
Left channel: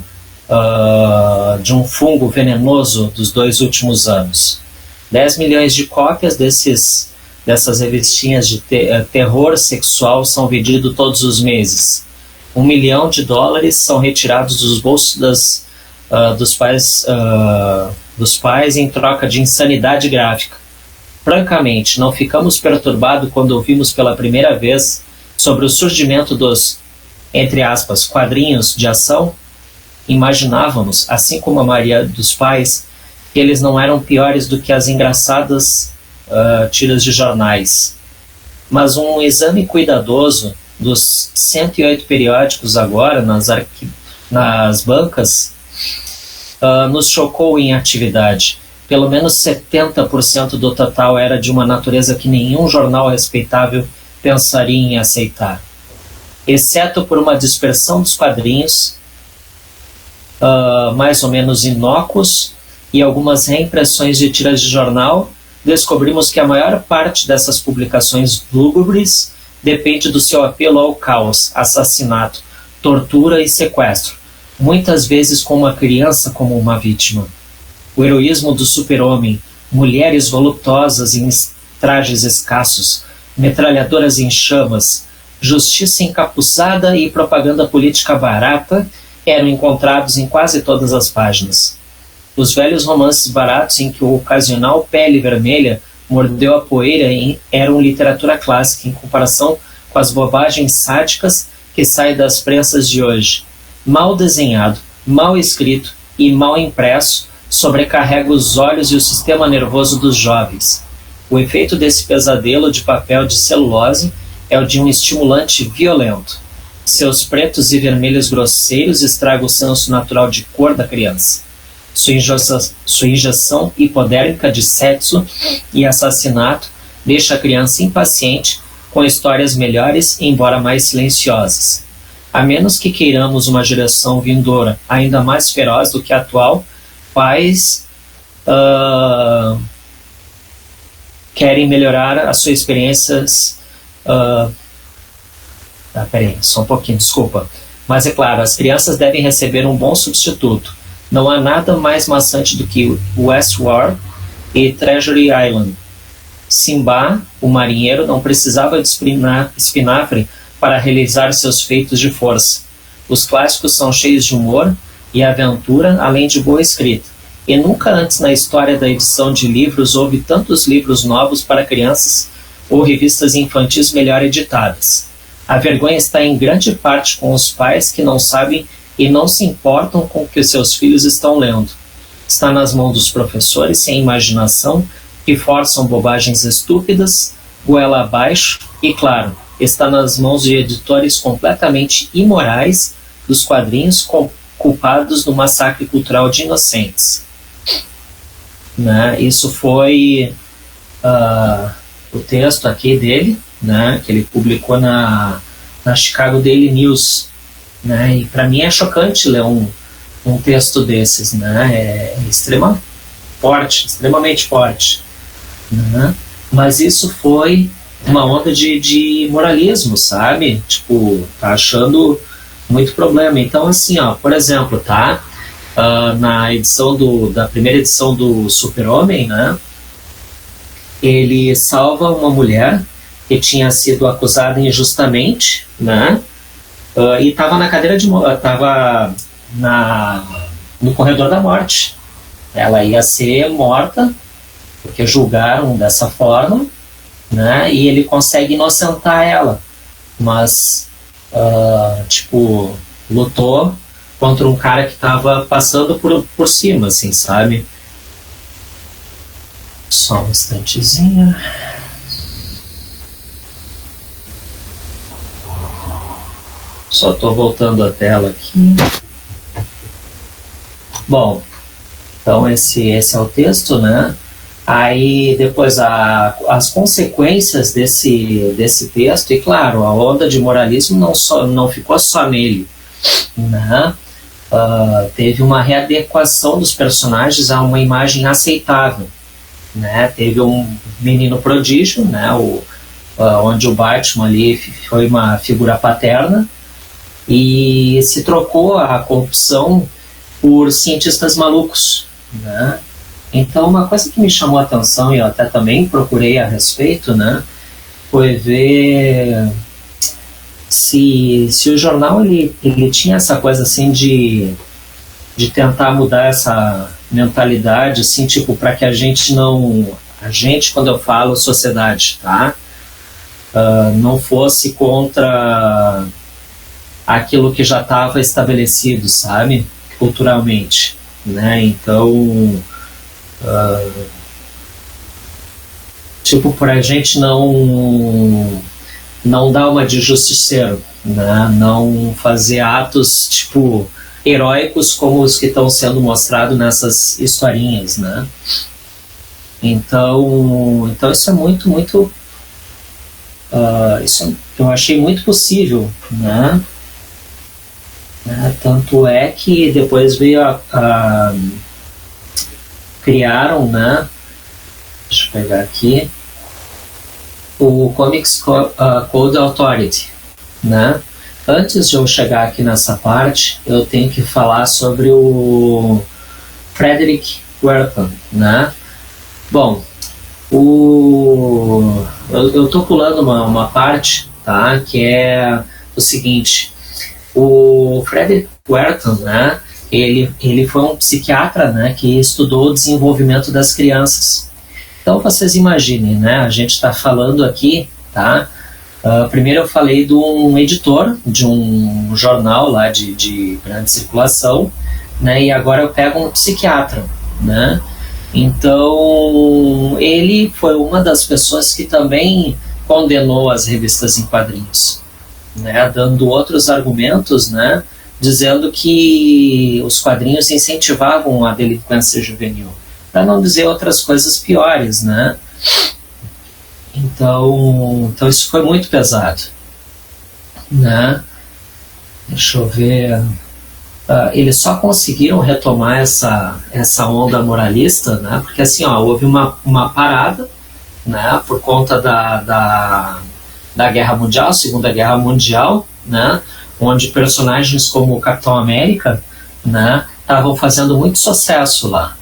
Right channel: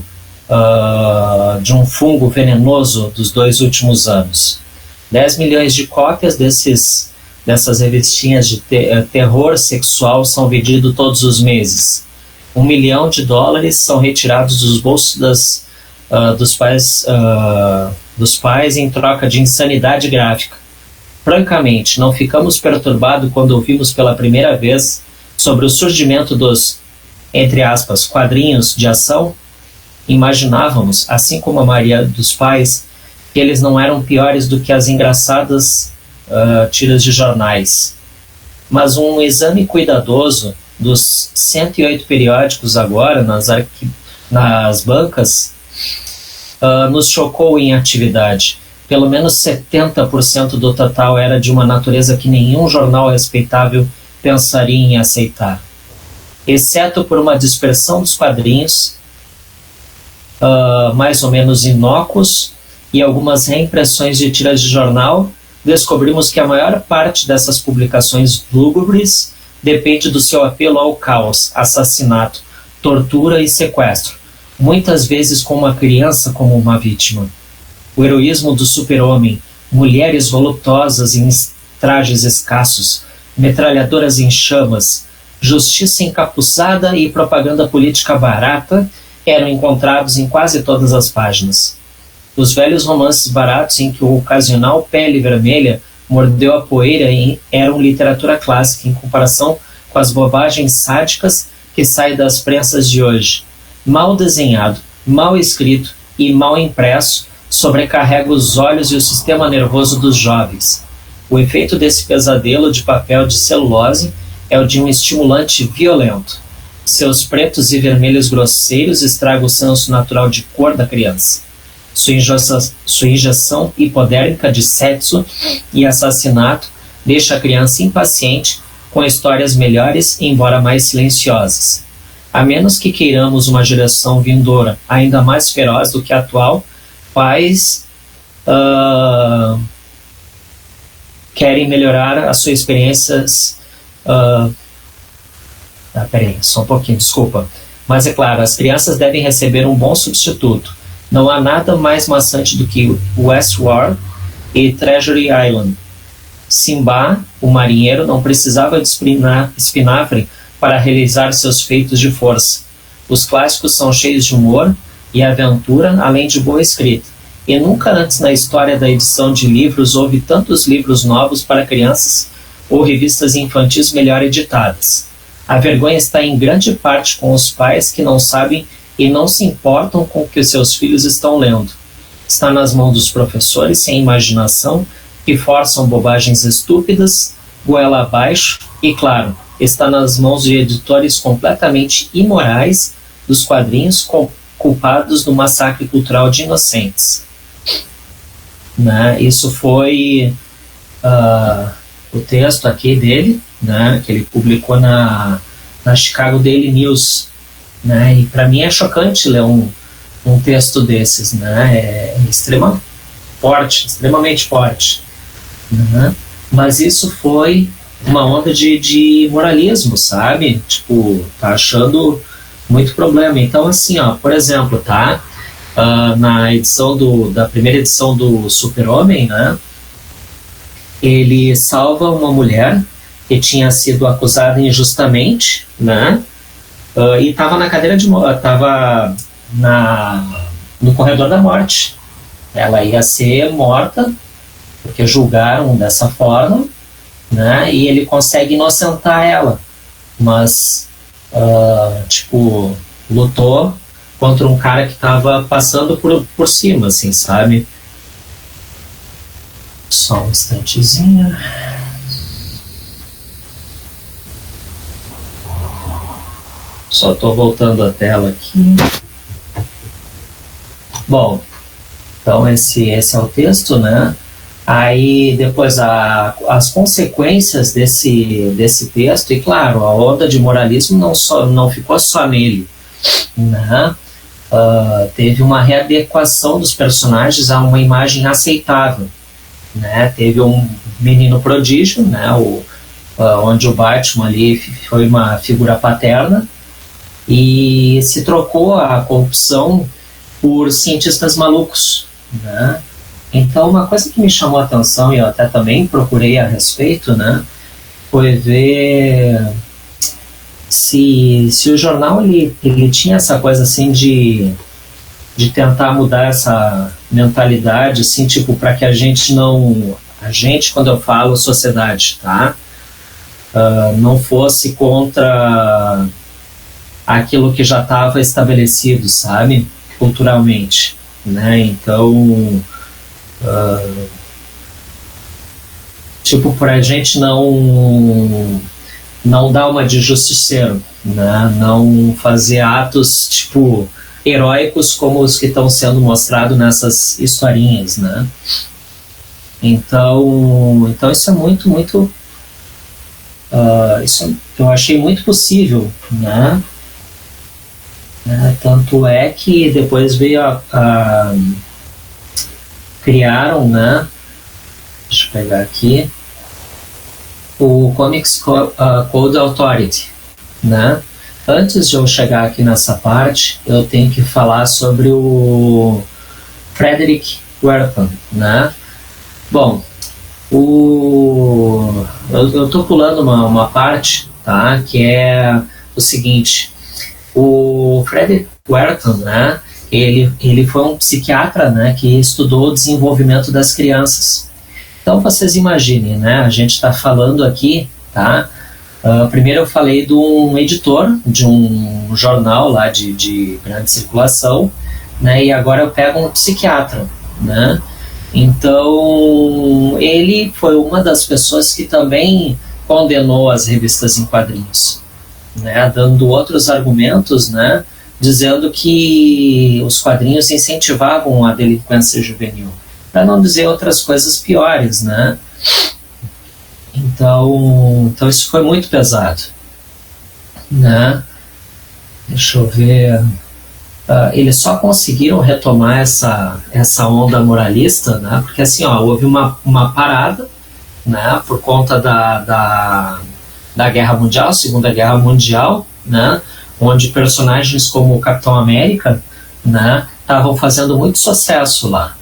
de um fungo venenoso dos 2 últimos anos. 10 milhões de cópias dessas revistinhas de terror sexual são vendidos todos os meses. $1 milhão são retirados dos bolsos dos pais em troca de insanidade gráfica. Francamente, não ficamos perturbados quando ouvimos pela primeira vez sobre o surgimento dos, entre aspas, quadrinhos de ação? Imaginávamos, assim como a maioria dos pais, que eles não eram piores do que as engraçadas tiras de jornais. Mas um exame cuidadoso dos 108 periódicos agora nas bancas nos chocou em atividade. Pelo menos 70% do total era de uma natureza que nenhum jornal respeitável pensaria em aceitar. Exceto por uma dispersão dos quadrinhos, mais ou menos inócuos, e algumas reimpressões de tiras de jornal, descobrimos que a maior parte dessas publicações lúgubres depende do seu apelo ao caos, assassinato, tortura e sequestro, muitas vezes com uma criança como uma vítima. O heroísmo do super-homem, mulheres voluptuosas em trajes escassos, metralhadoras em chamas, justiça encapuçada e propaganda política barata eram encontrados em quase todas as páginas. Os velhos romances baratos em que o ocasional pele vermelha mordeu a poeira eram literatura clássica em comparação com as bobagens sádicas que saem das prensas de hoje. Mal desenhado, mal escrito e mal impresso, sobrecarrega os olhos e o sistema nervoso dos jovens. O efeito desse pesadelo de papel de celulose é o de um estimulante violento. Seus pretos e vermelhos grosseiros estragam o senso natural de cor da criança. Sua injeção hipodérmica de sexo e assassinato deixa a criança impaciente com histórias melhores, embora mais silenciosas. A menos que queiramos uma geração vindoura ainda mais feroz do que a atual, pais querem melhorar as suas experiências. Peraí, só um pouquinho, desculpa. Mas é claro, as crianças devem receber um bom substituto. Não há nada mais maçante do que Westworld e Treasure Island. Simba, o marinheiro, não precisava de espinafre para realizar seus feitos de força. Os clássicos são cheios de humor e aventura, além de boa escrita. E nunca antes na história da edição de livros houve tantos livros novos para crianças ou revistas infantis melhor editadas. A vergonha está em grande parte com os pais que não sabem e não se importam com o que seus filhos estão lendo. Está nas mãos dos professores sem imaginação que forçam bobagens estúpidas, goela abaixo e, claro, está nas mãos de editores completamente imorais dos quadrinhos culpados do massacre cultural de inocentes. Né? Isso foi o texto aqui dele, né, que ele publicou na Chicago Daily News, né, e para mim é chocante ler um texto desses, né, é extremamente forte, né, mas isso foi uma onda de moralismo, sabe, tipo, tá achando muito problema. Então, assim, ó, por exemplo, tá, na edição da primeira edição do Super-Homem, né, ele salva uma mulher que tinha sido acusada injustamente, né? E estava na cadeira de estava no corredor da morte. Ela ia ser morta porque julgaram dessa forma, né? E ele consegue inocentar ela, mas tipo, lutou contra um cara que estava passando por cima, assim, sabe? Só um instantezinho. Só estou voltando a tela aqui. Bom, então esse é o texto, né? Aí depois as consequências desse texto, e claro, a onda de moralismo não ficou só nele, né? Teve uma readequação dos personagens a uma imagem aceitável. Né, teve um menino prodígio, né, onde o Batman ali foi uma figura paterna e se trocou a corrupção por cientistas malucos, né? Então uma coisa que me chamou a atenção e eu até também procurei a respeito, né, foi ver se o jornal ele tinha essa coisa assim de tentar mudar essa mentalidade, assim, tipo, para que a gente, quando eu falo sociedade, tá? Não fosse contra aquilo que já estava estabelecido, sabe? Culturalmente, né? Então, tipo, para a gente não dar uma de justiceiro, né? Não fazer atos, tipo, heróicos como os que estão sendo mostrados nessas historinhas, né? Então isso é muito isso eu achei muito possível, né? Tanto é que depois veio criaram, né? Deixa eu pegar aqui o Comics Code Authority, né? Antes de eu chegar aqui nessa parte, eu tenho que falar sobre o Frederick Wertham, né? Bom, eu estou pulando uma parte, tá? Que é o seguinte: o Frederick Wertham, né? Ele foi um psiquiatra, né? Que estudou o desenvolvimento das crianças. Então vocês imaginem, né? A gente está falando aqui, tá? Primeiro eu falei de um editor de um jornal lá de grande circulação, né, e agora eu pego um psiquiatra, né? Então ele foi uma das pessoas que também condenou as revistas em quadrinhos, né, dando outros argumentos, né, dizendo que os quadrinhos incentivavam a delinquência juvenil, para não dizer outras coisas piores, né? Então isso foi muito pesado, né? Deixa eu ver. Eles só conseguiram retomar essa onda moralista, né? Porque assim, houve uma parada, né? Por conta da Guerra Mundial, Segunda Guerra Mundial, né? Onde personagens como o Capitão América, né? Estavam fazendo muito sucesso lá,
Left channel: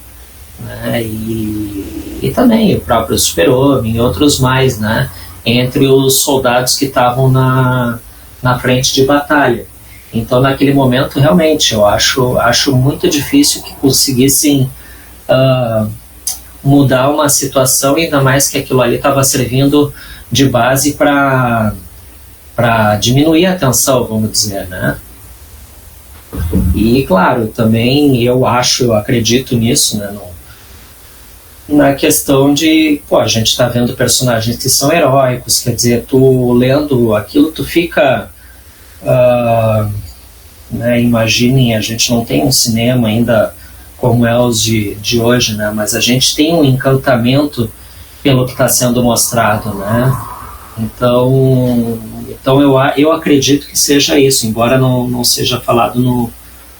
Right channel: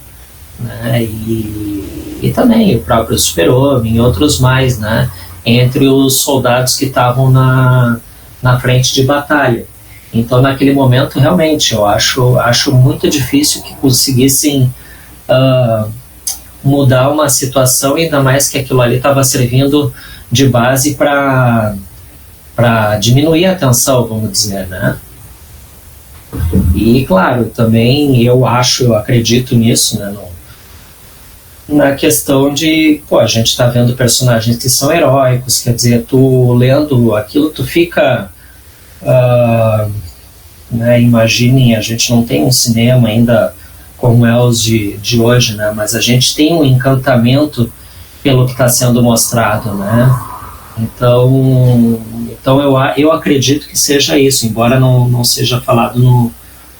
né? E e também o próprio Super-Homem e outros mais, né, entre os soldados que estavam na frente de batalha. Então, naquele momento, realmente, eu acho muito difícil que conseguissem mudar uma situação, ainda mais que aquilo ali estava servindo de base para diminuir a tensão, vamos dizer, né? E, claro, também eu acredito nisso, né? Na questão de, a gente está vendo personagens que são heróicos, quer dizer, tu lendo aquilo, tu fica... né, imaginem, a gente não tem um cinema ainda como é os de hoje, né? Mas a gente tem um encantamento pelo que está sendo mostrado, né? Então eu acredito que seja isso, embora não seja falado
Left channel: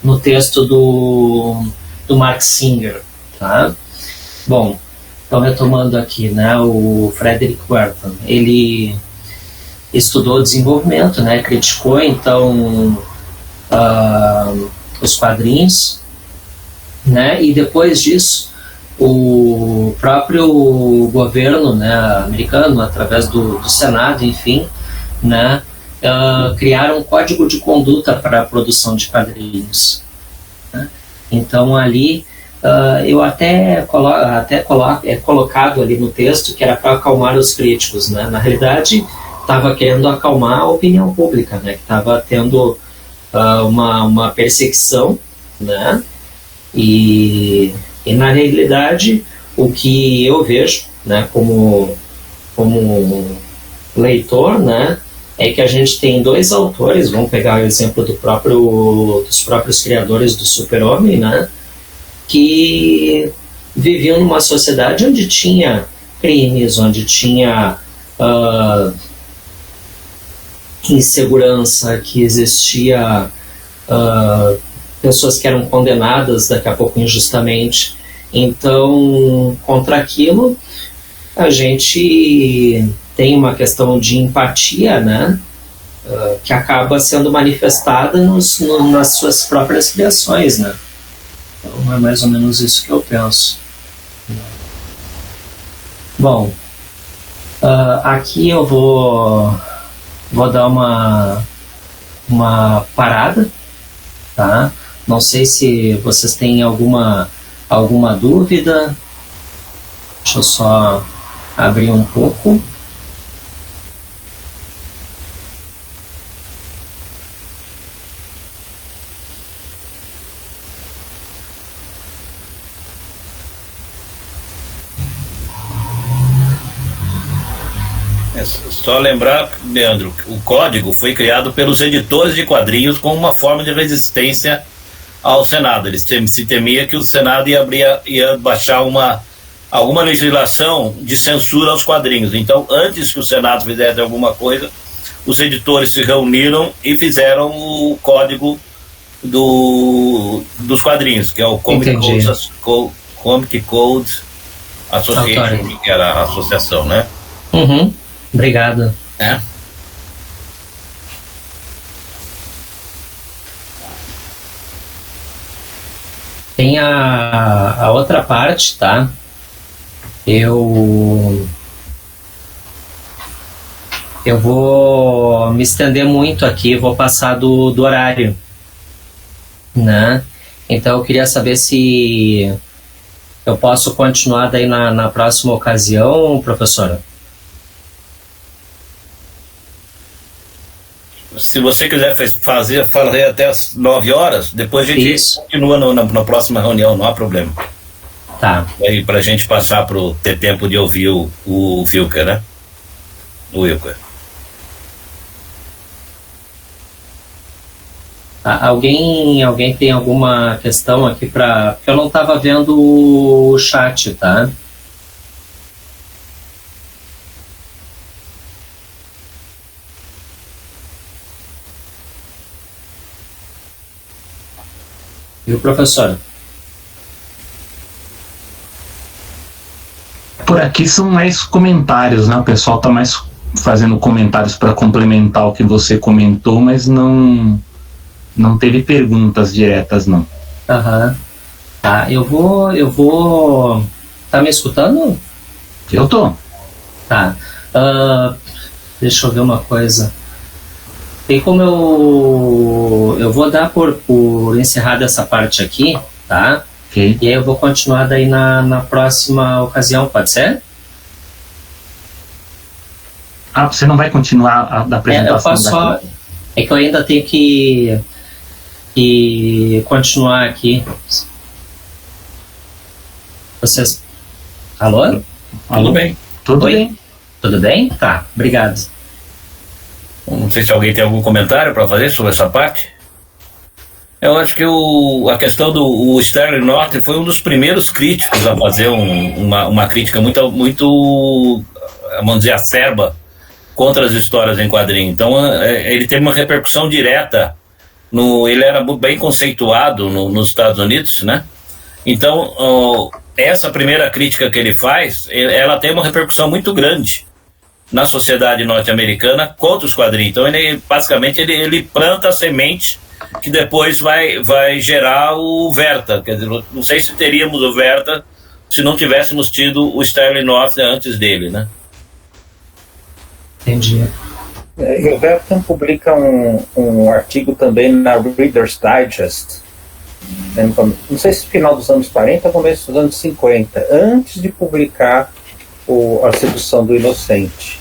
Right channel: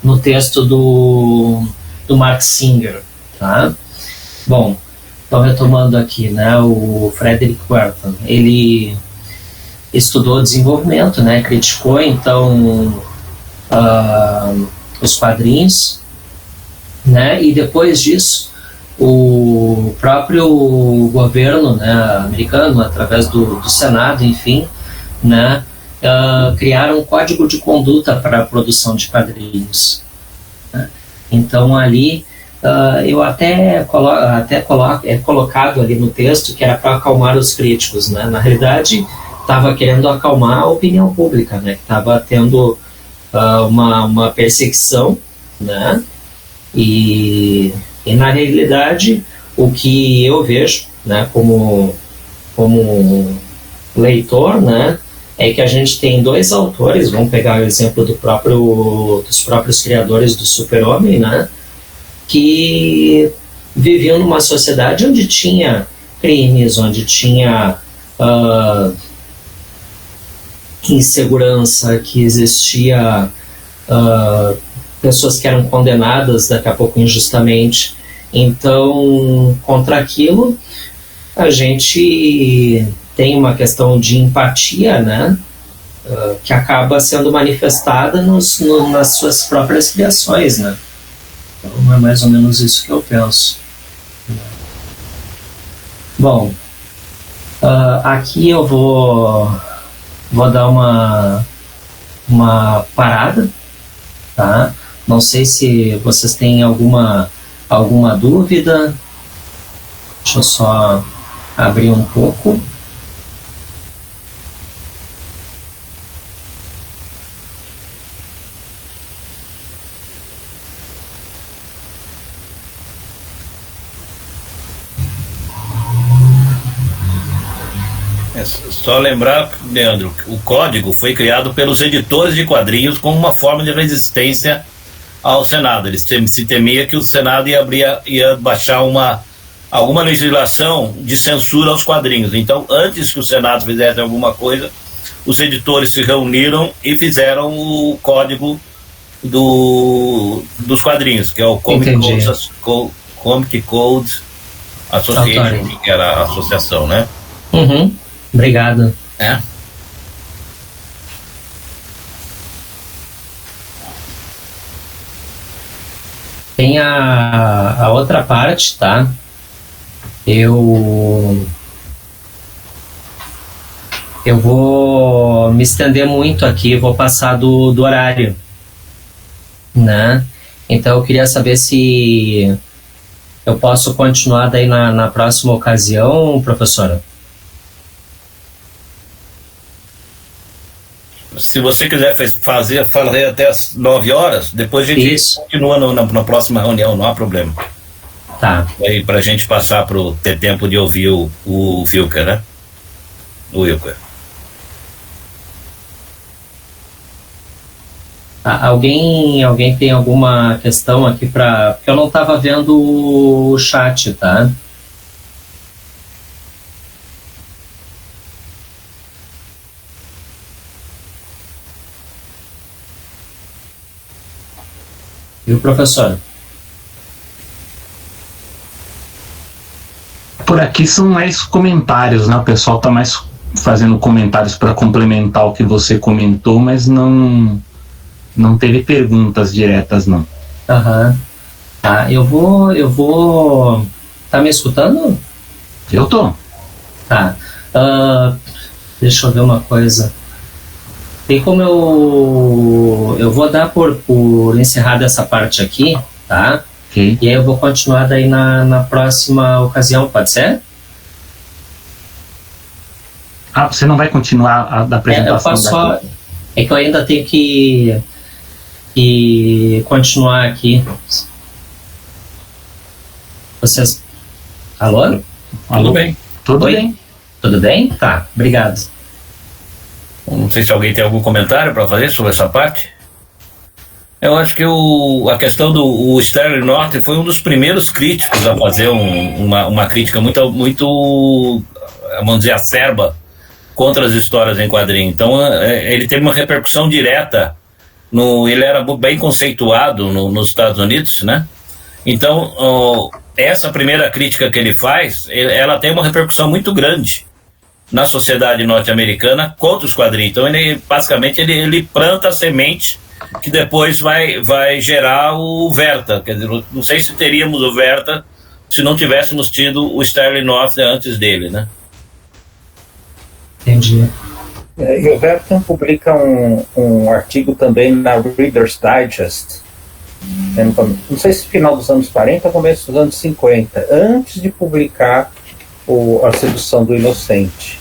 no texto do Mark Singer, tá? Bom, então retomando aqui, né? O Frederick Wertham, ele estudou desenvolvimento, né? Criticou então os quadrinhos, né? E depois disso o próprio governo, né, americano, através do Senado, enfim, né, criaram um código de conduta para a produção de quadrinhos, né? Então ali eu é colocado ali no texto que era para acalmar os críticos, né? Na realidade estava querendo acalmar a opinião pública, né, que estava tendo uma perseguição, né? E na realidade o que eu vejo, né, como leitor, né, é que a gente tem dois autores, vamos pegar o exemplo dos próprios criadores do Super-Homem, né, que viviam numa sociedade onde tinha crimes, onde tinha insegurança, que existia pessoas que eram condenadas daqui a pouco injustamente. Então, contra aquilo, a gente tem uma questão de empatia, né, que acaba sendo manifestada nas suas próprias criações, né? Então, é mais ou menos isso que eu penso. Bom, aqui eu vou dar uma parada, tá? Não sei se vocês têm alguma dúvida. Deixa eu só abrir um pouco. Só lembrar, Leandro, o código foi criado pelos editores de quadrinhos como uma forma de resistência ao Senado. Eles se temia que o Senado ia baixar alguma legislação de censura aos quadrinhos. Então, antes que o Senado fizesse alguma coisa, os editores se reuniram e fizeram o código dos quadrinhos, que é o Comic Code Association, que era a associação, né? Uhum. Obrigado. Tem a outra parte, tá? Eu vou me estender muito aqui, vou passar do horário, né? Então eu queria saber se eu posso continuar daí na próxima ocasião, professora. Se você quiser fazer até as 9 horas, depois a gente continua na próxima reunião, não há problema. Tá. Aí pra gente passar ter tempo de ouvir o Wilker, né? O Wilker. Alguém tem alguma questão aqui porque eu não estava vendo o chat, tá? Viu, professor? Por aqui são mais comentários, né? O pessoal está mais fazendo comentários para complementar o que você comentou, mas não teve perguntas diretas, não. Aham. Tá, eu vou... Tá me escutando? Eu tô. Tá. Deixa eu ver uma coisa. Tem como eu vou dar por encerrada essa parte aqui, tá? Okay. E aí eu vou continuar daí na próxima ocasião, pode ser? Você não vai continuar a da apresentação? Eu faço só... É que eu ainda tenho que continuar aqui. Vocês... Alô? Tudo bem. Tudo Oi? bem. Tudo bem? Tá, obrigado. Não sei se alguém tem algum comentário para fazer sobre essa parte. Eu acho que a questão do Sterling North foi um dos primeiros críticos a fazer uma crítica muito, vamos dizer, acerba contra as histórias em quadrinho. Então, ele teve uma repercussão direta. Ele era bem conceituado nos Estados Unidos, né? Então, essa primeira crítica que ele faz, ela tem uma repercussão muito grande na sociedade norte-americana contra os quadrinhos. Então, basicamente, ele planta a semente que depois vai gerar o Verta. Quer dizer, não sei se teríamos o Verta se não tivéssemos tido o Sterling North antes dele, né? Entendi. E o Verta publica um artigo também na Reader's Digest, não sei se final dos anos 40 ou começo dos anos 50, antes de publicar A Sedução do Inocente.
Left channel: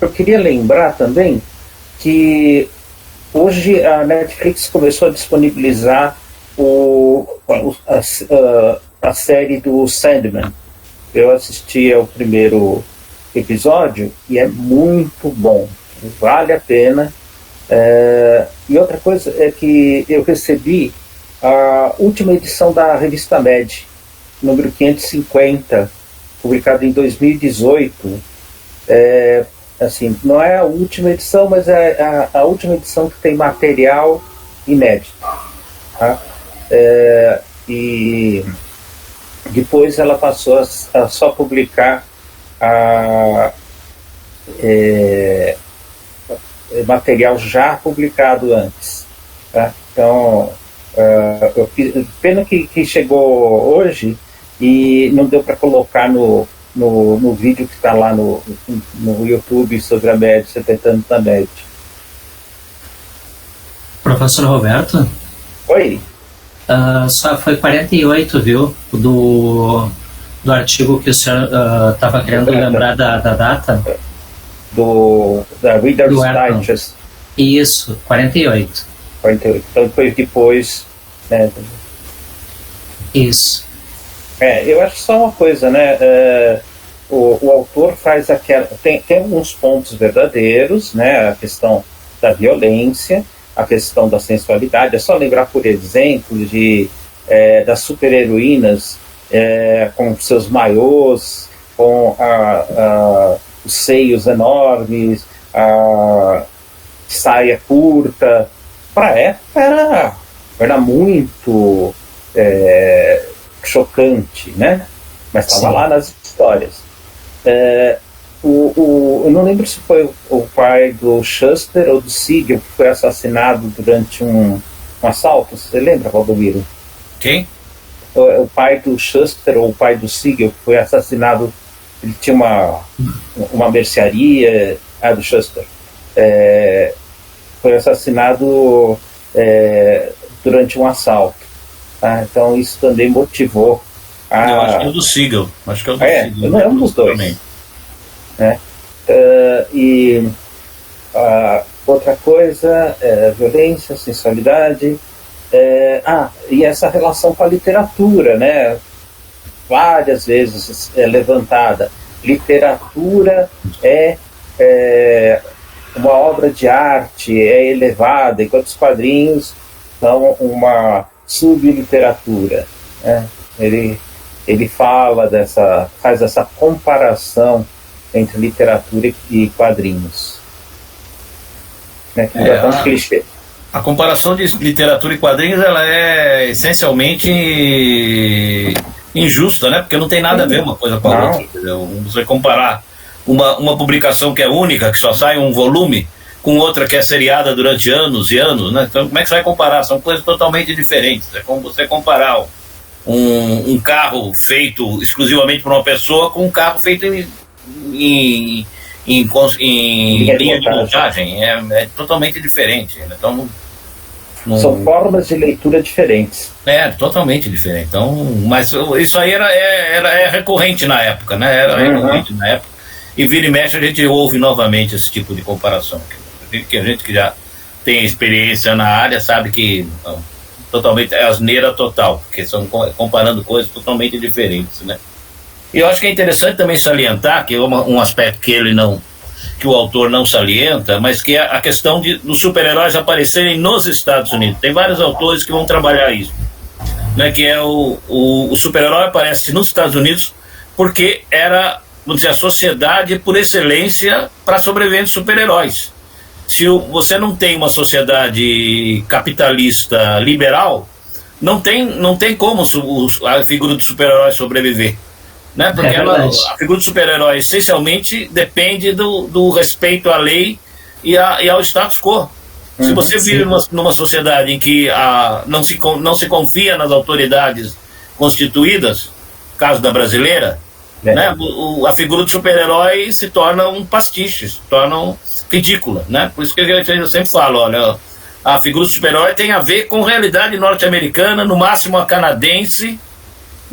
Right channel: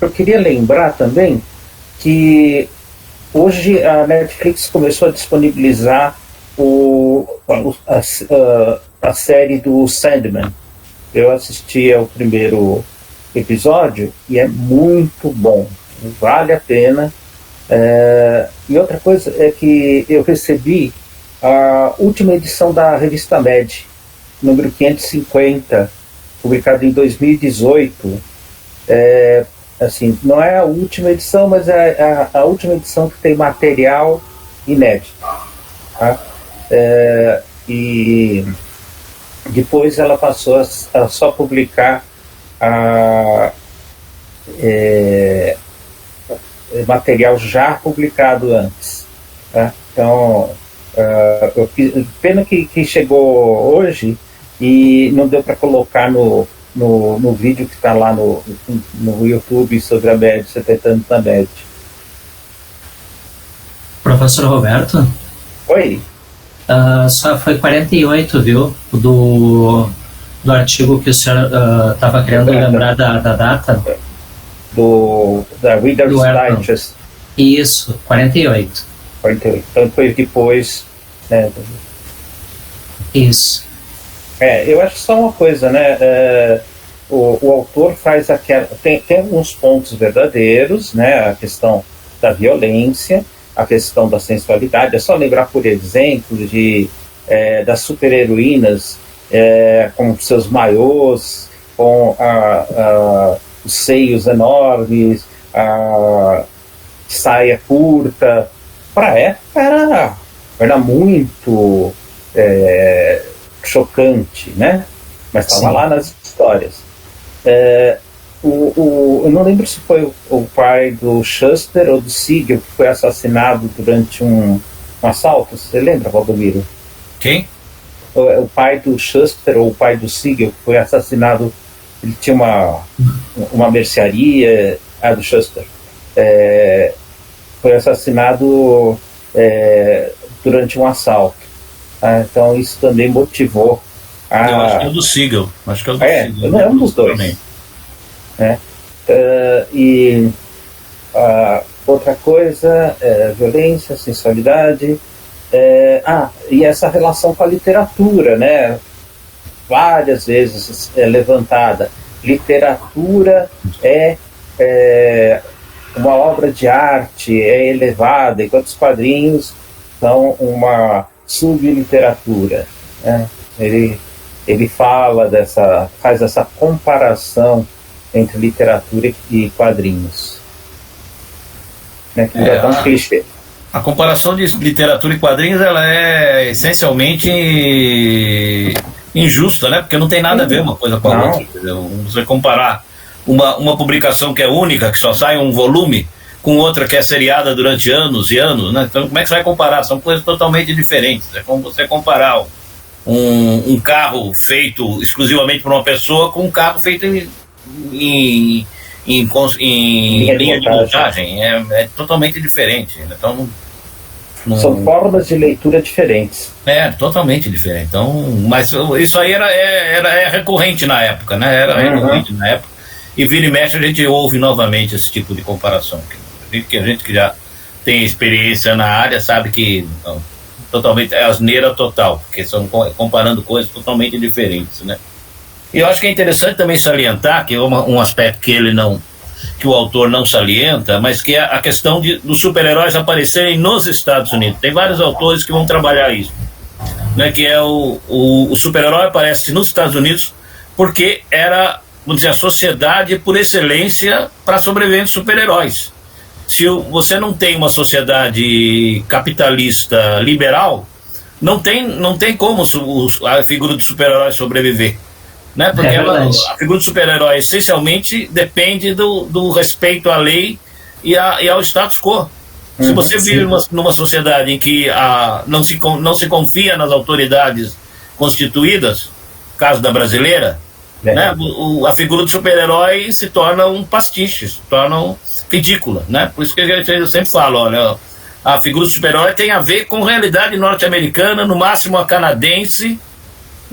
Eu queria lembrar também que hoje a Netflix começou a disponibilizar a série do Sandman. Eu assisti ao primeiro episódio e é muito bom, vale a pena. E outra coisa é que eu recebi a última edição da revista Mad, número 550, publicada em 2018. Assim, não é a última edição, mas é a última edição que tem material inédito, tá? E depois ela passou a só publicar material já publicado antes, tá? Então, pena que chegou hoje e não deu para colocar no vídeo que está lá no YouTube sobre a MED, 70 anos da MED. Professor Roberto? Oi? Só foi 48, viu? Do artigo que o senhor estava querendo lembrar da data. Da Reader's Digest. Isso, 48. 48. Então foi depois, né? Isso. Eu acho só uma coisa, né? O autor faz aquela... Tem alguns pontos verdadeiros, né? A questão da violência, a questão da sensualidade. É só lembrar, por exemplo, das super-heroínas com seus maiôs, com os seios enormes, a saia curta. Para a época era muito chocante, né? Mas estava lá nas histórias. Eu não lembro se foi o pai do Shuster ou do Siegel que foi assassinado durante um assalto. Você lembra, Valdomiro? Quem? O pai do Shuster ou o pai do Siegel que foi assassinado. Ele tinha uma mercearia, do Shuster. Foi assassinado durante um assalto. Então isso também motivou eu acho que é o do Siegel. Acho que é o do Siegel. É um dos dois. E outra coisa, violência, sensualidade, e essa relação com a literatura, né? Várias vezes levantada. Literatura é uma obra de arte, é elevada, enquanto os quadrinhos são uma subliteratura, né? Ele faz essa comparação entre literatura e quadrinhos, né? Que é um clichê. A comparação de literatura e quadrinhos, ela é essencialmente injusta, né? Porque não tem nada a ver uma coisa com a outra. Você comparar uma publicação que é única, que só sai um volume, com outra que é seriada durante anos e anos, né? Então como é que você vai comparar? São coisas totalmente diferentes. É como você comparar um carro feito exclusivamente por uma pessoa com um carro feito em linha de montagem. É totalmente diferente. Então, são formas de leitura diferentes. Totalmente diferente. Então, mas isso aí era recorrente na época, né? Era recorrente na época. E vira e mexe a gente ouve novamente esse tipo de comparação. A gente que já tem experiência na área sabe que totalmente é asneira total, porque são comparando coisas totalmente diferentes, né? E eu acho que é interessante também salientar que é um aspecto que o autor não salienta, mas que é a questão dos super-heróis aparecerem nos Estados Unidos. Tem vários autores que vão trabalhar isso, né? Que é o super-herói aparece nos Estados Unidos porque era, vamos dizer, a sociedade por excelência para sobreviver de super-heróis. Se você não tem uma sociedade capitalista liberal, não tem como a figura do super-herói sobreviver, né? Porque a figura do super-herói essencialmente depende do respeito à lei e ao status quo. Se você vive numa sociedade em que não se confia nas autoridades constituídas, caso da brasileira, né? A figura do super-herói se torna um pastiche, se torna ridícula, né? Por isso que eu sempre falo, olha, a figura do super-herói tem a ver com realidade norte-americana, no máximo a canadense,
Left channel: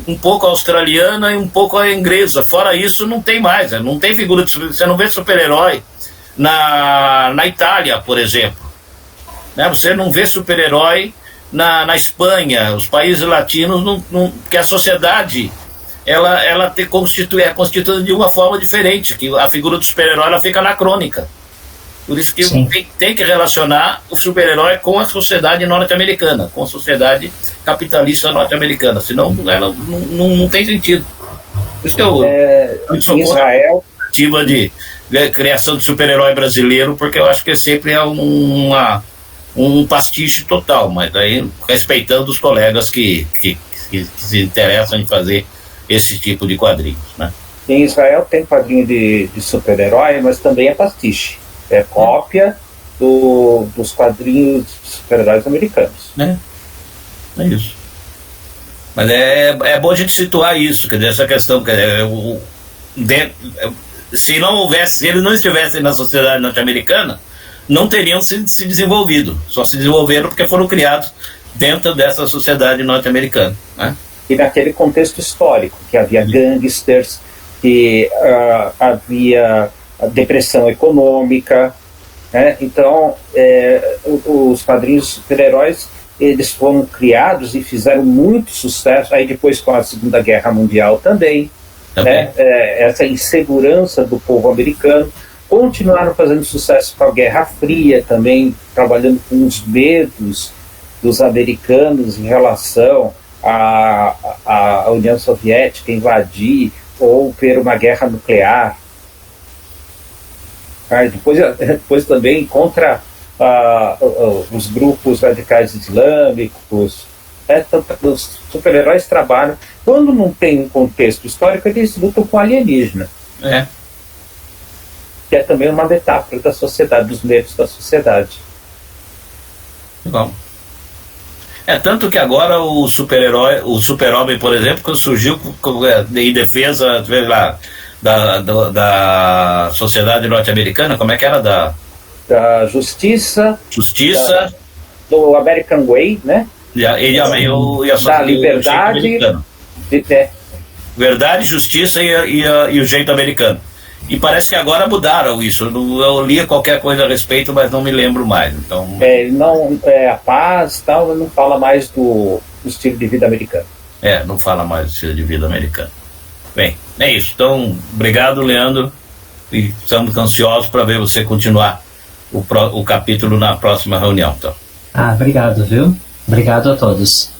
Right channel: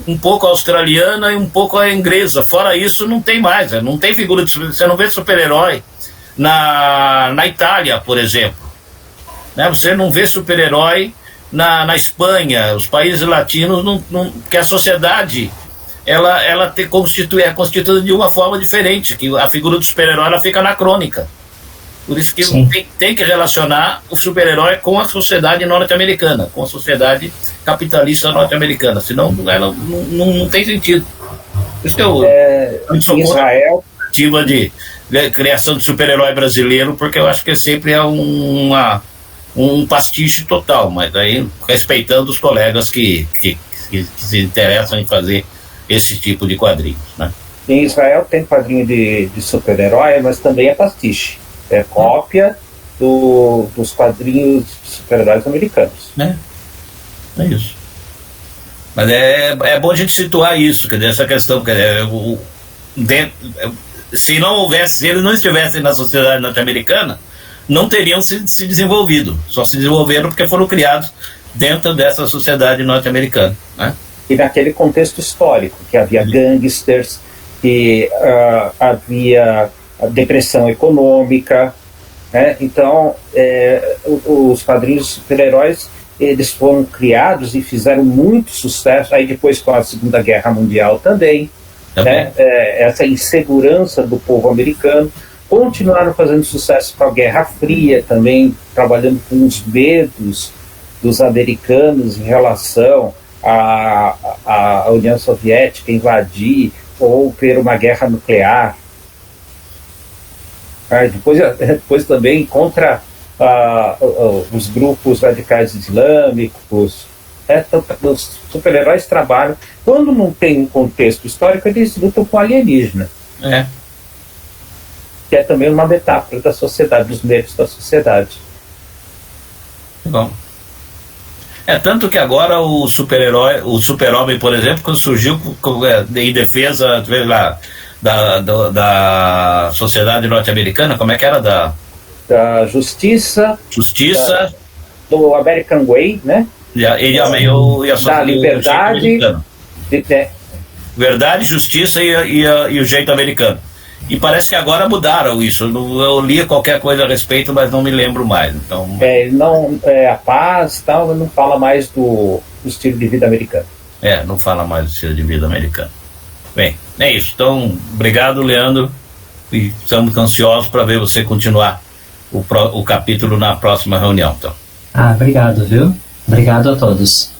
um pouco a australiana e um pouco a inglesa. Fora isso, não tem mais, não tem figura de super-herói. Você não vê super-herói na Itália, por exemplo, né? Você não vê super-herói na Espanha, os países latinos, porque a sociedade ela é constituída de uma forma diferente, que a figura do super-herói ela fica anacrônica. Por isso que tem que relacionar o super-herói com a sociedade norte-americana, com a sociedade capitalista norte-americana, senão ela não tem sentido. Por isso que eu sou Israel ativa de criação de super-herói brasileiro, porque eu acho que sempre é um pastiche total, mas aí respeitando os colegas que se interessam em fazer esse tipo de quadrinhos, né? Em Israel tem quadrinho de super-herói, mas também é pastiche. É cópia dos quadrinhos de super-heróis americanos. É isso. Mas é bom a gente situar isso, quer dizer, essa questão, se eles não estivessem na sociedade norte-americana, não teriam se desenvolvido. Só se desenvolveram porque foram criados dentro dessa sociedade norte-americana, né? E naquele contexto histórico, que havia gangsters, que havia a depressão econômica, né? Então os quadrinhos super-heróis eles foram criados e fizeram muito sucesso, aí depois com a Segunda Guerra Mundial também. Né? Essa insegurança do povo americano, continuaram fazendo sucesso com a Guerra Fria também, trabalhando com os medos dos americanos em relação à União Soviética invadir ou ter uma guerra nuclear. Depois também contra os grupos radicais islâmicos. Os super-heróis trabalham. Quando não tem um contexto histórico, eles lutam com alienígena. Que é também uma metáfora da sociedade, dos medos da sociedade. Bom. Tanto que agora o super-herói, o super-homem, por exemplo, quando surgiu em defesa da sociedade norte-americana, como é que era? Da justiça. Do American Way, né? Da liberdade. Verdade, justiça e o jeito americano. E parece que agora mudaram isso. Eu li qualquer coisa a respeito, mas não me lembro mais. Então... a paz tal, não fala mais do estilo de vida americano. Não fala mais do estilo de vida americano. Bem, é isso. Então, obrigado, Leandro. E estamos ansiosos para ver você continuar o capítulo na próxima reunião. Então. Obrigado, viu? Obrigado a todos.